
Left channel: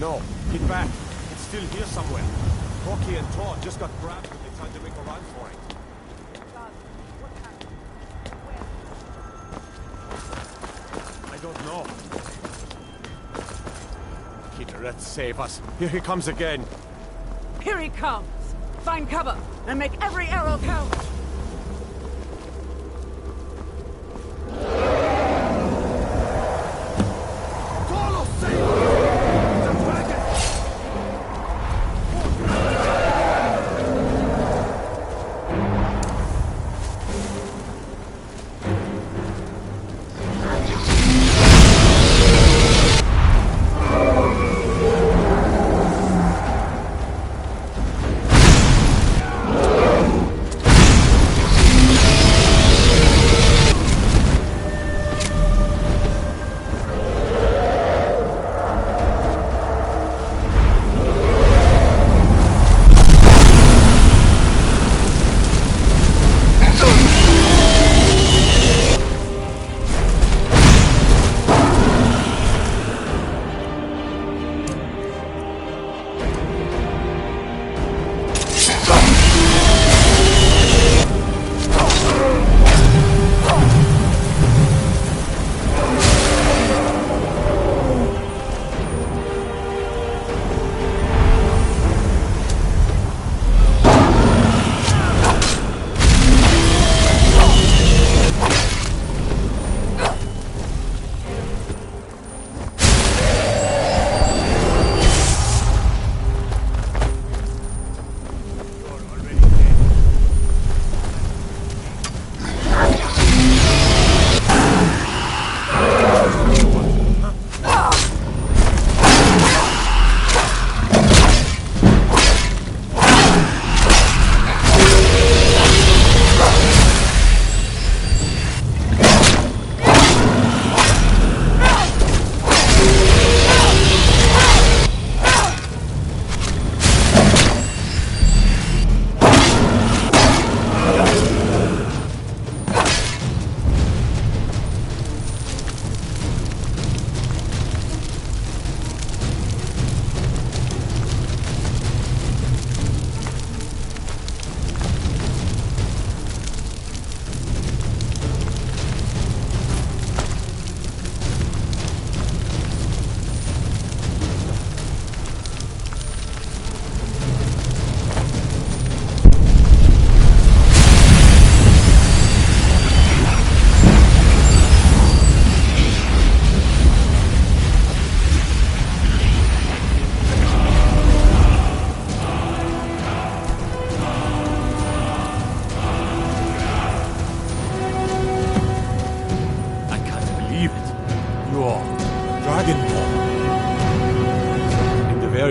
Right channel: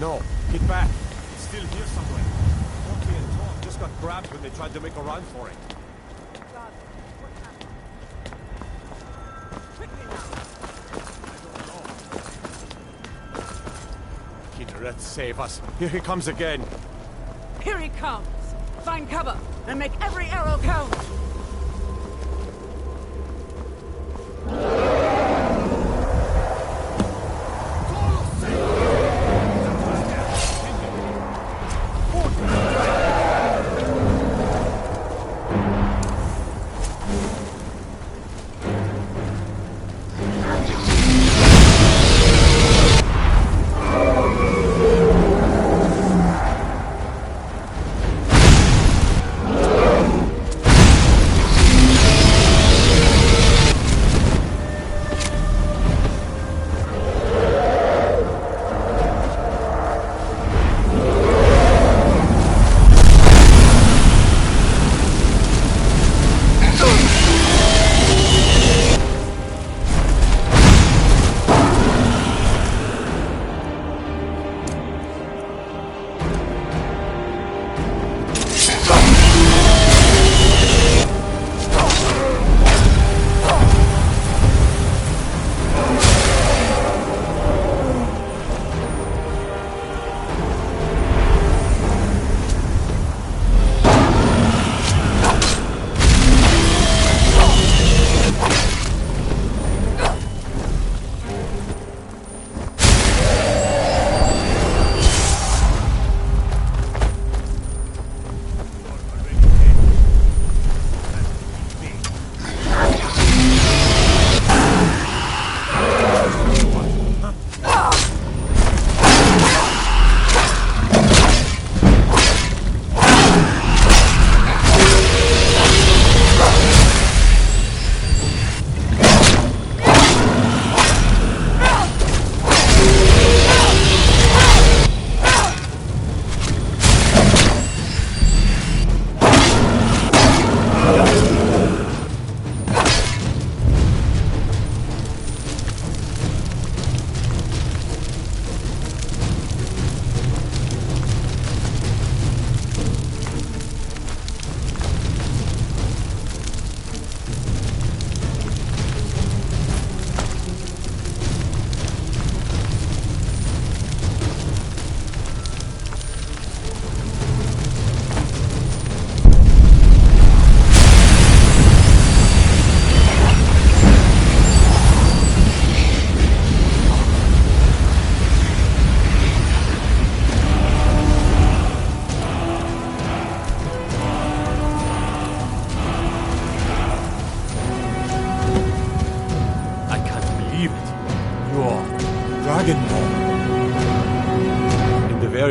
No, get back. It's still here somewhere. Corky and Tor just got grabbed when they tried to make a run for it. I don't know. Kinneret, save us. Here he comes again. Here he comes! Find cover and make every arrow count!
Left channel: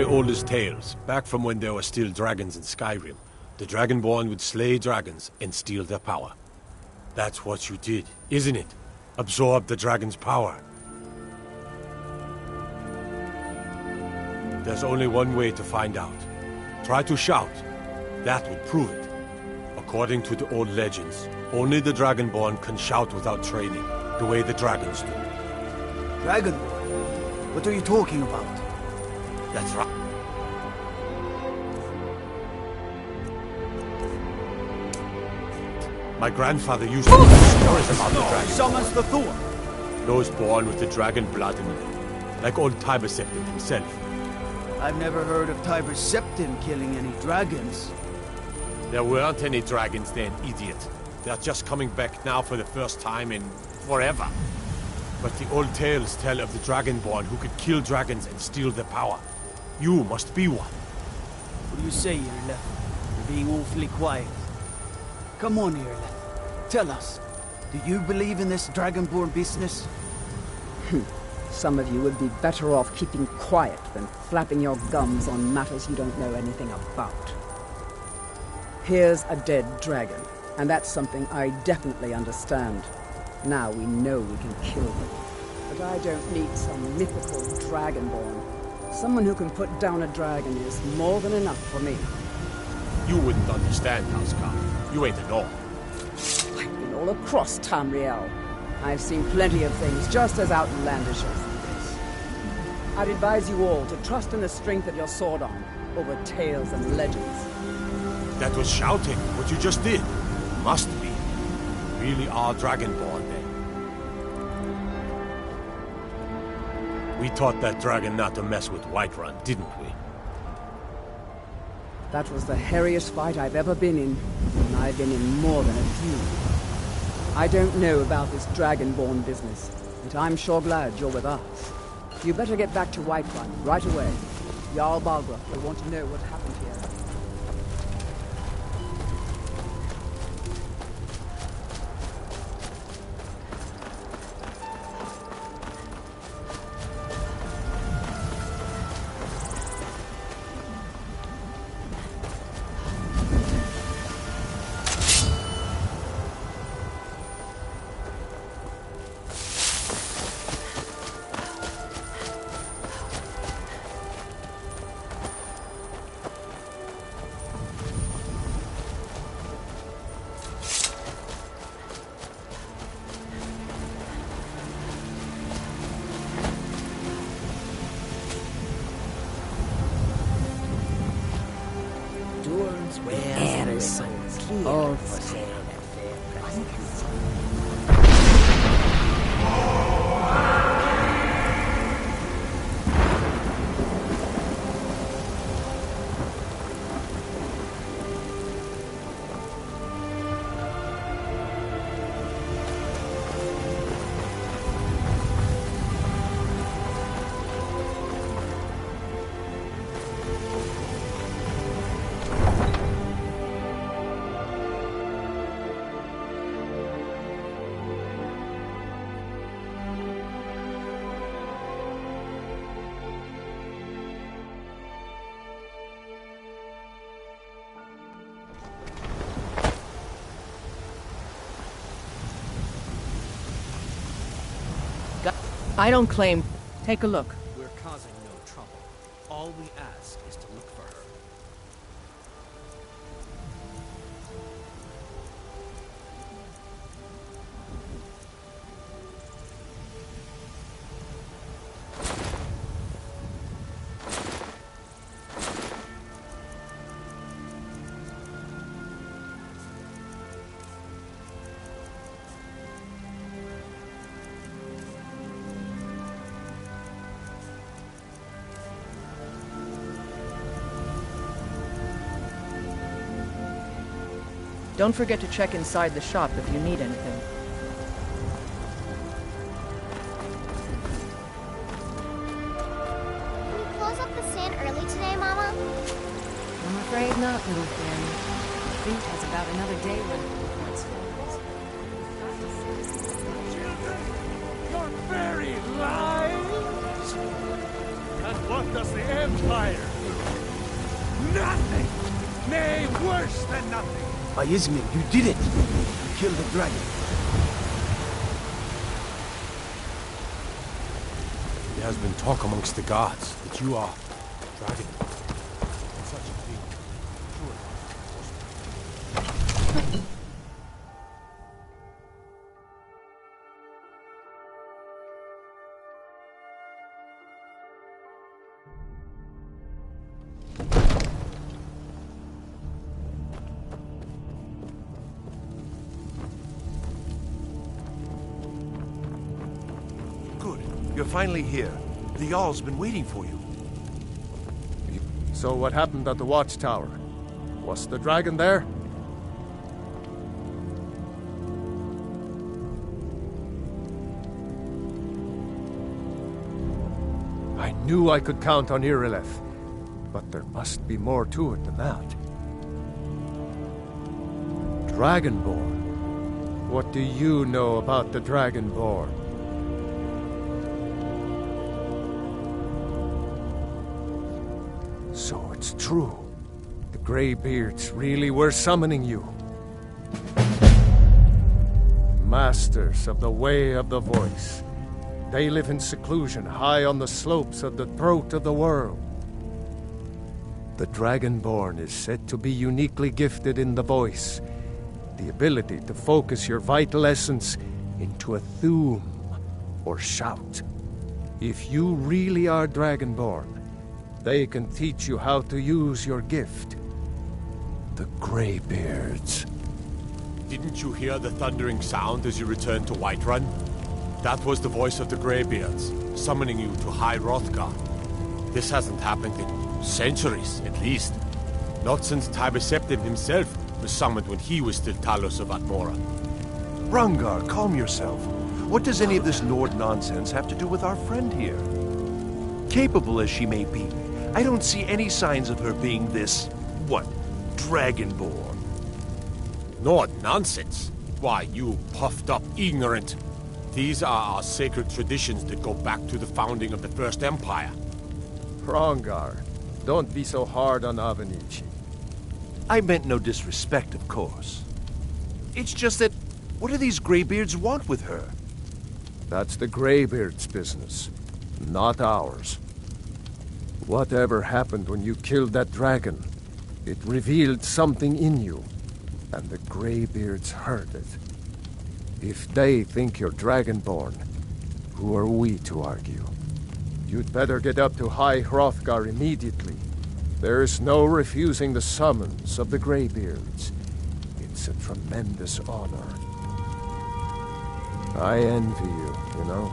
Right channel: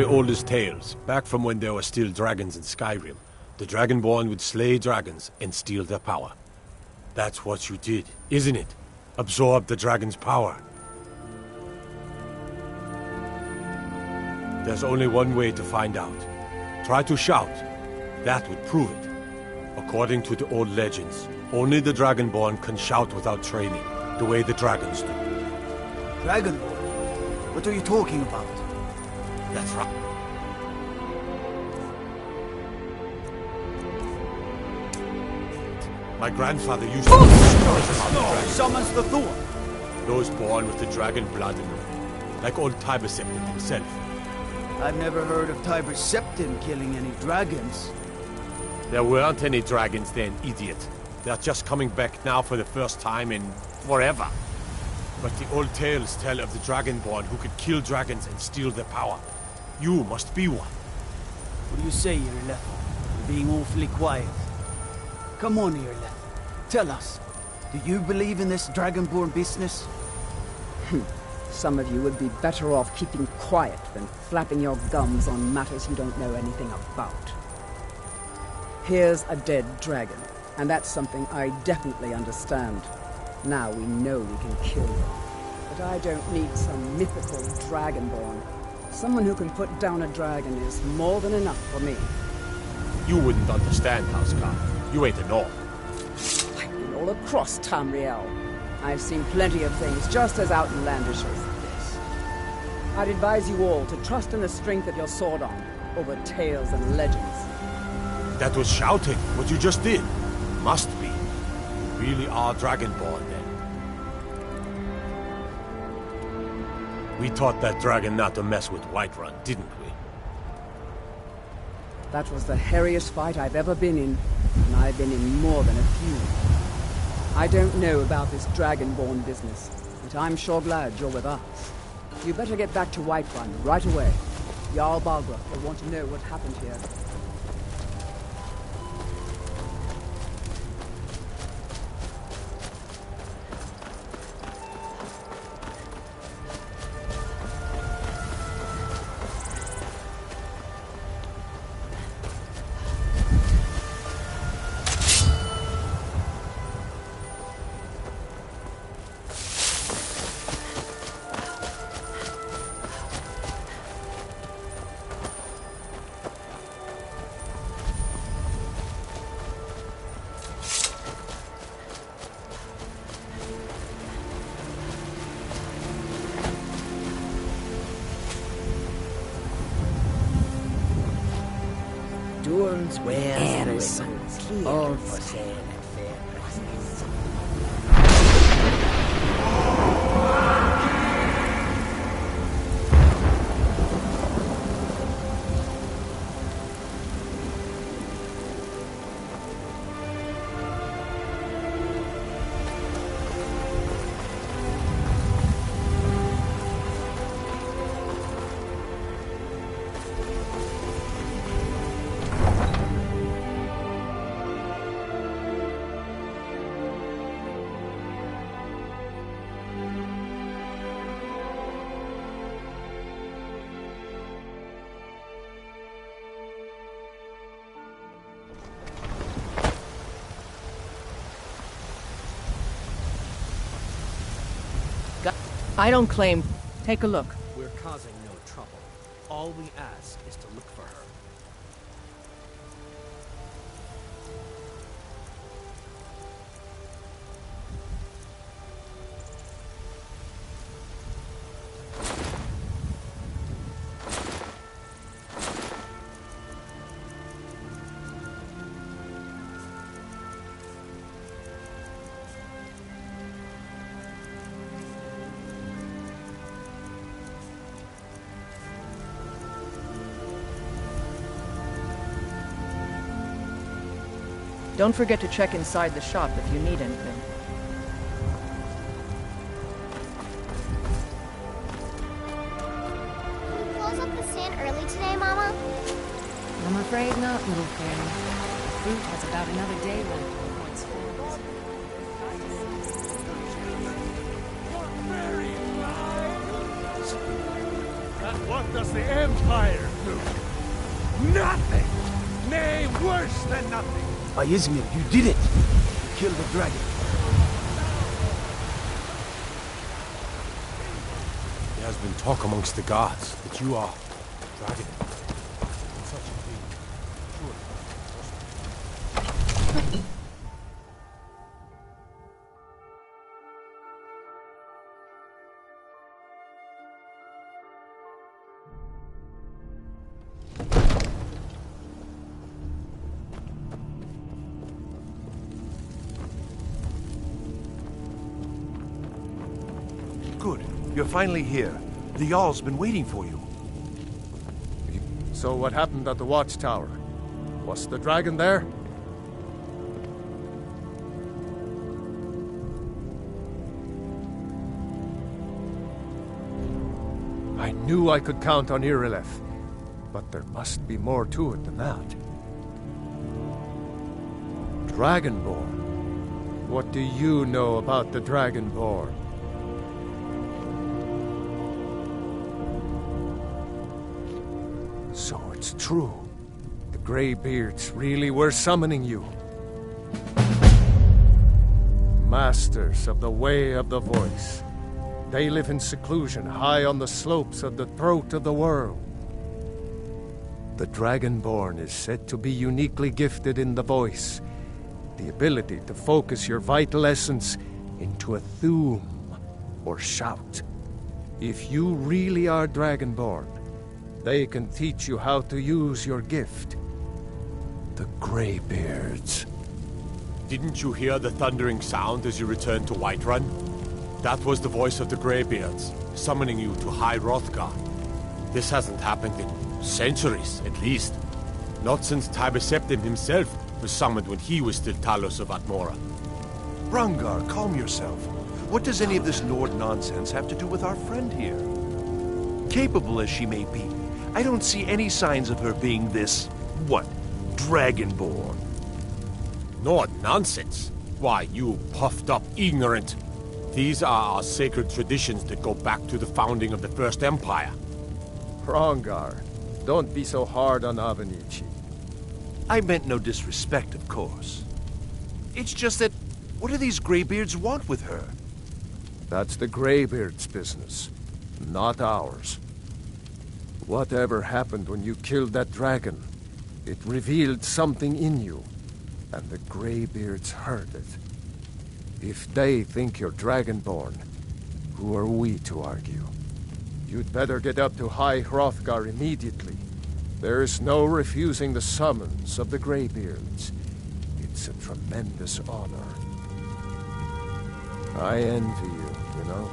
Oldest tales, back from when there were still dragons in Skyrim, the Dragonborn would slay dragons and steal their power. That's what you did, isn't it? Absorb the dragon's power. There's only one way to find out. Try to shout. That would prove it. According to the old legends, only the Dragonborn can shout without training, the way the dragons do. Dragonborn? What are you talking about? That's right. My grandfather used to tell stories about the dragon. Summons the Thor. Those born with the dragon blood in them, like old Tiber Septim himself. I've never heard of Tiber Septim killing any dragons. There weren't any dragons then, idiot. They're just coming back now for the first time in forever. But the old tales tell of the Dragonborn who could kill dragons and steal their power. You must be one. What do you say, Irleth? You're being awfully quiet. Come on, Irleth. Tell us, do you believe in this Dragonborn business? Some of you would be better off keeping quiet than flapping your gums on matters you don't know anything about. Here's a dead dragon, and that's something I definitely understand. Now we know we can kill them. But I don't need some mythical Dragonborn. Someone who can put down a dragon is more than enough for me. You wouldn't understand, Housecar. You ain't a Nord. I've been all across Tamriel. I've seen plenty of things just as outlandish as this. I'd advise you all to trust in the strength of your sword arm over tales and legends. That was shouting, what you just did. Must be. You really are Dragonborn, then. We taught that dragon not to mess with Whiterun, didn't we? That was the hairiest fight I've ever been in, and I've been in more than a few. I don't know about this Dragonborn business, but I'm sure glad you're with us. You better get back to Whiterun right away. Jarl Balgruuf will want to know what happened here. Durance wears all for sale at fair prices. I don't claim. Take a look. We're causing no trouble. All we ask is to look for her. Don't forget to check inside the shop if you need anything. Can you close up the stand early today, Mama? I'm afraid not, little fairy. The fruit has about another day left before it's full. Your very lives? And what does the Empire do? Nothing! Nay, worse than nothing! Izmir, you did it! You killed the dragon. There has been talk amongst the gods that you are dragon. Such a thing. Good. You're finally here. The Jarl's been waiting for you. So what happened at the watchtower? Was the dragon there? I knew I could count on Irileth. But there must be more to it than that. Dragonborn. What do you know about the Dragonborn? So it's true. The Greybeards really were summoning you. Masters of the Way of the Voice. They live in seclusion high on the slopes of the throat of the world. The Dragonborn is said to be uniquely gifted in the voice, the ability to focus your vital essence into a thume, or shout. If you really are Dragonborn, they can teach you how to use your gift. The Greybeards. Didn't you hear the thundering sound as you returned to Whiterun? That was the voice of the Greybeards, summoning you to High Hrothgar. This hasn't happened in centuries, at least. Not since Tiber Septim himself was summoned when he was still Talos of Atmora. Rungar, calm yourself. What does any of this Nord nonsense have to do with our friend here? Capable as she may be, I don't see any signs of her being this, Dragonborn. Nord nonsense? Why, you puffed up ignorant. These are our sacred traditions that go back to the founding of the First Empire. Hrongar, don't be so hard on Avenici. I meant no disrespect, of course. It's just that, what do these Greybeards want with her? That's the Greybeards' business, not ours. Whatever happened when you killed that dragon, it revealed something in you, and the Greybeards heard it. If they think you're Dragonborn, who are we to argue? You'd better get up to High Hrothgar immediately. There's no refusing the summons of the Greybeards. It's a tremendous honor. I envy you, you know,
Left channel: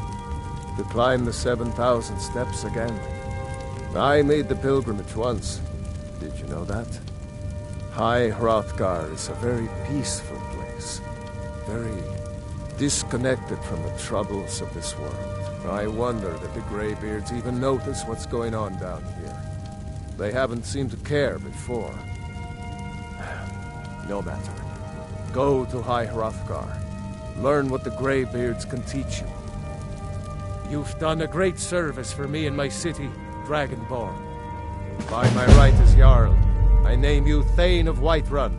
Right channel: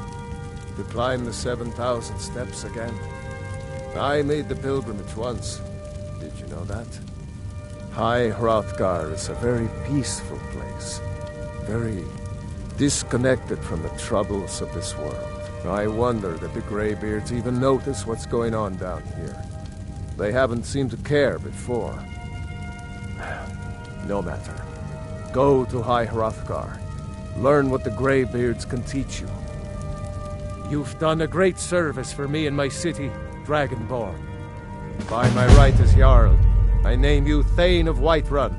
to climb the 7,000 steps again. I made the pilgrimage once. Did you know that? High Hrothgar is a very peaceful place. Very disconnected from the troubles of this world. I wonder that the Greybeards even notice what's going on down here. They haven't seemed to care before. No matter. Go to High Hrothgar. Learn what the Greybeards can teach you. You've done a great service for me and my city, Dragonborn. By my right as Jarl, I name you Thane of Whiterun.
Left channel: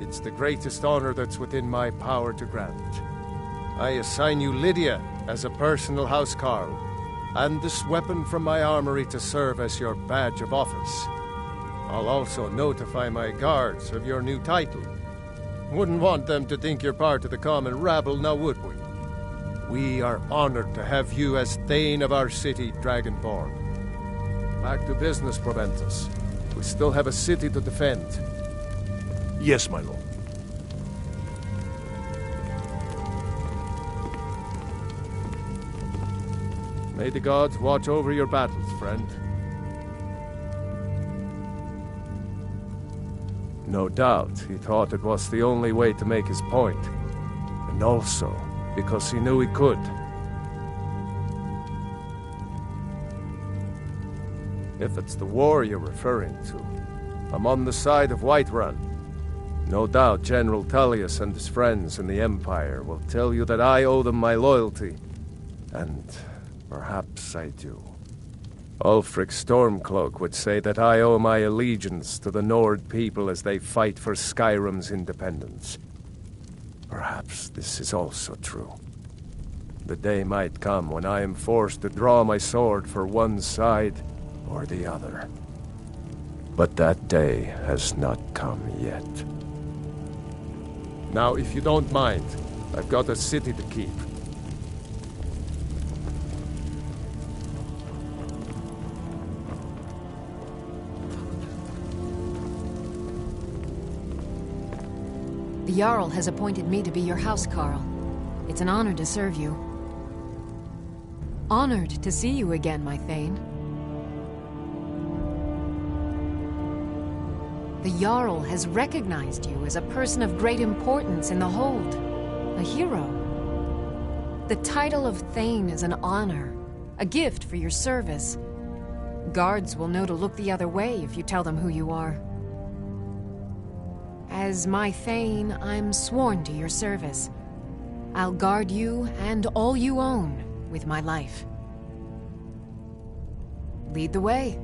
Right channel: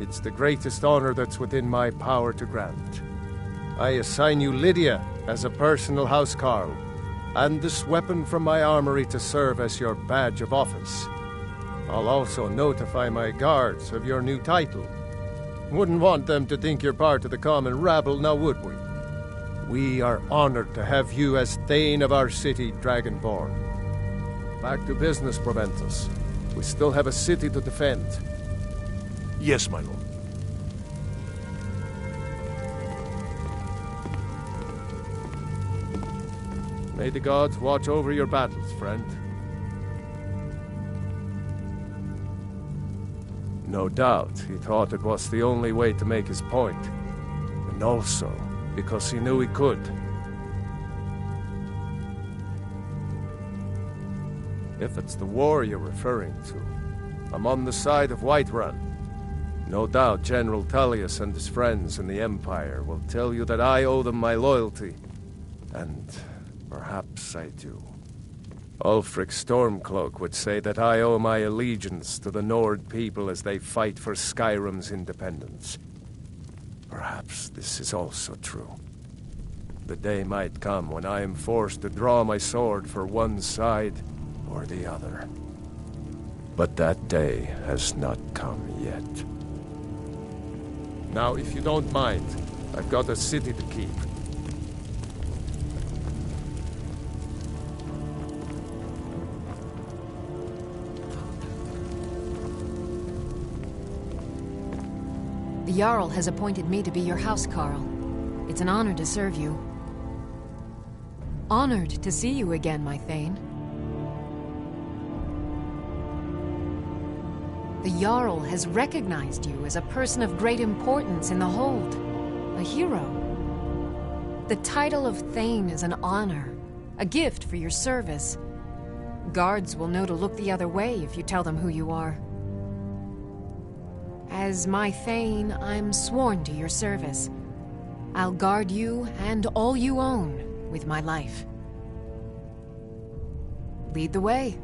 It's the greatest honor that's within my power to grant. I assign you Lydia as a personal housecarl, and this weapon from my armory to serve as your badge of office. I'll also notify my guards of your new title. Wouldn't want them to think you're part of the common rabble, now would we? We are honored to have you as Thane of our city, Dragonborn. Back to business, Proventus. We still have a city to defend. Yes, my lord. May the gods watch over your battles, friend. No doubt, he thought it was the only way to make his point. And also, because he knew he could. If it's the war you're referring to, I'm on the side of Whiterun. No doubt General Tullius and his friends in the Empire will tell you that I owe them my loyalty. And perhaps I do. Ulfric Stormcloak would say that I owe my allegiance to the Nord people as they fight for Skyrim's independence. Perhaps this is also true. The day might come when I am forced to draw my sword for one side or the other. But that day has not come yet. Now, if you don't mind, I've got a city to keep. The Jarl has appointed me to be your housecarl. It's an honor to serve you. Honored to see you again, my Thane. The Jarl has recognized you as a person of great importance in the Hold. A hero. The title of Thane is an honor, a gift for your service. Guards will know to look the other way if you tell them who you are. As my Thane, I'm sworn to your service. I'll guard you and all you own with my life. Lead the way.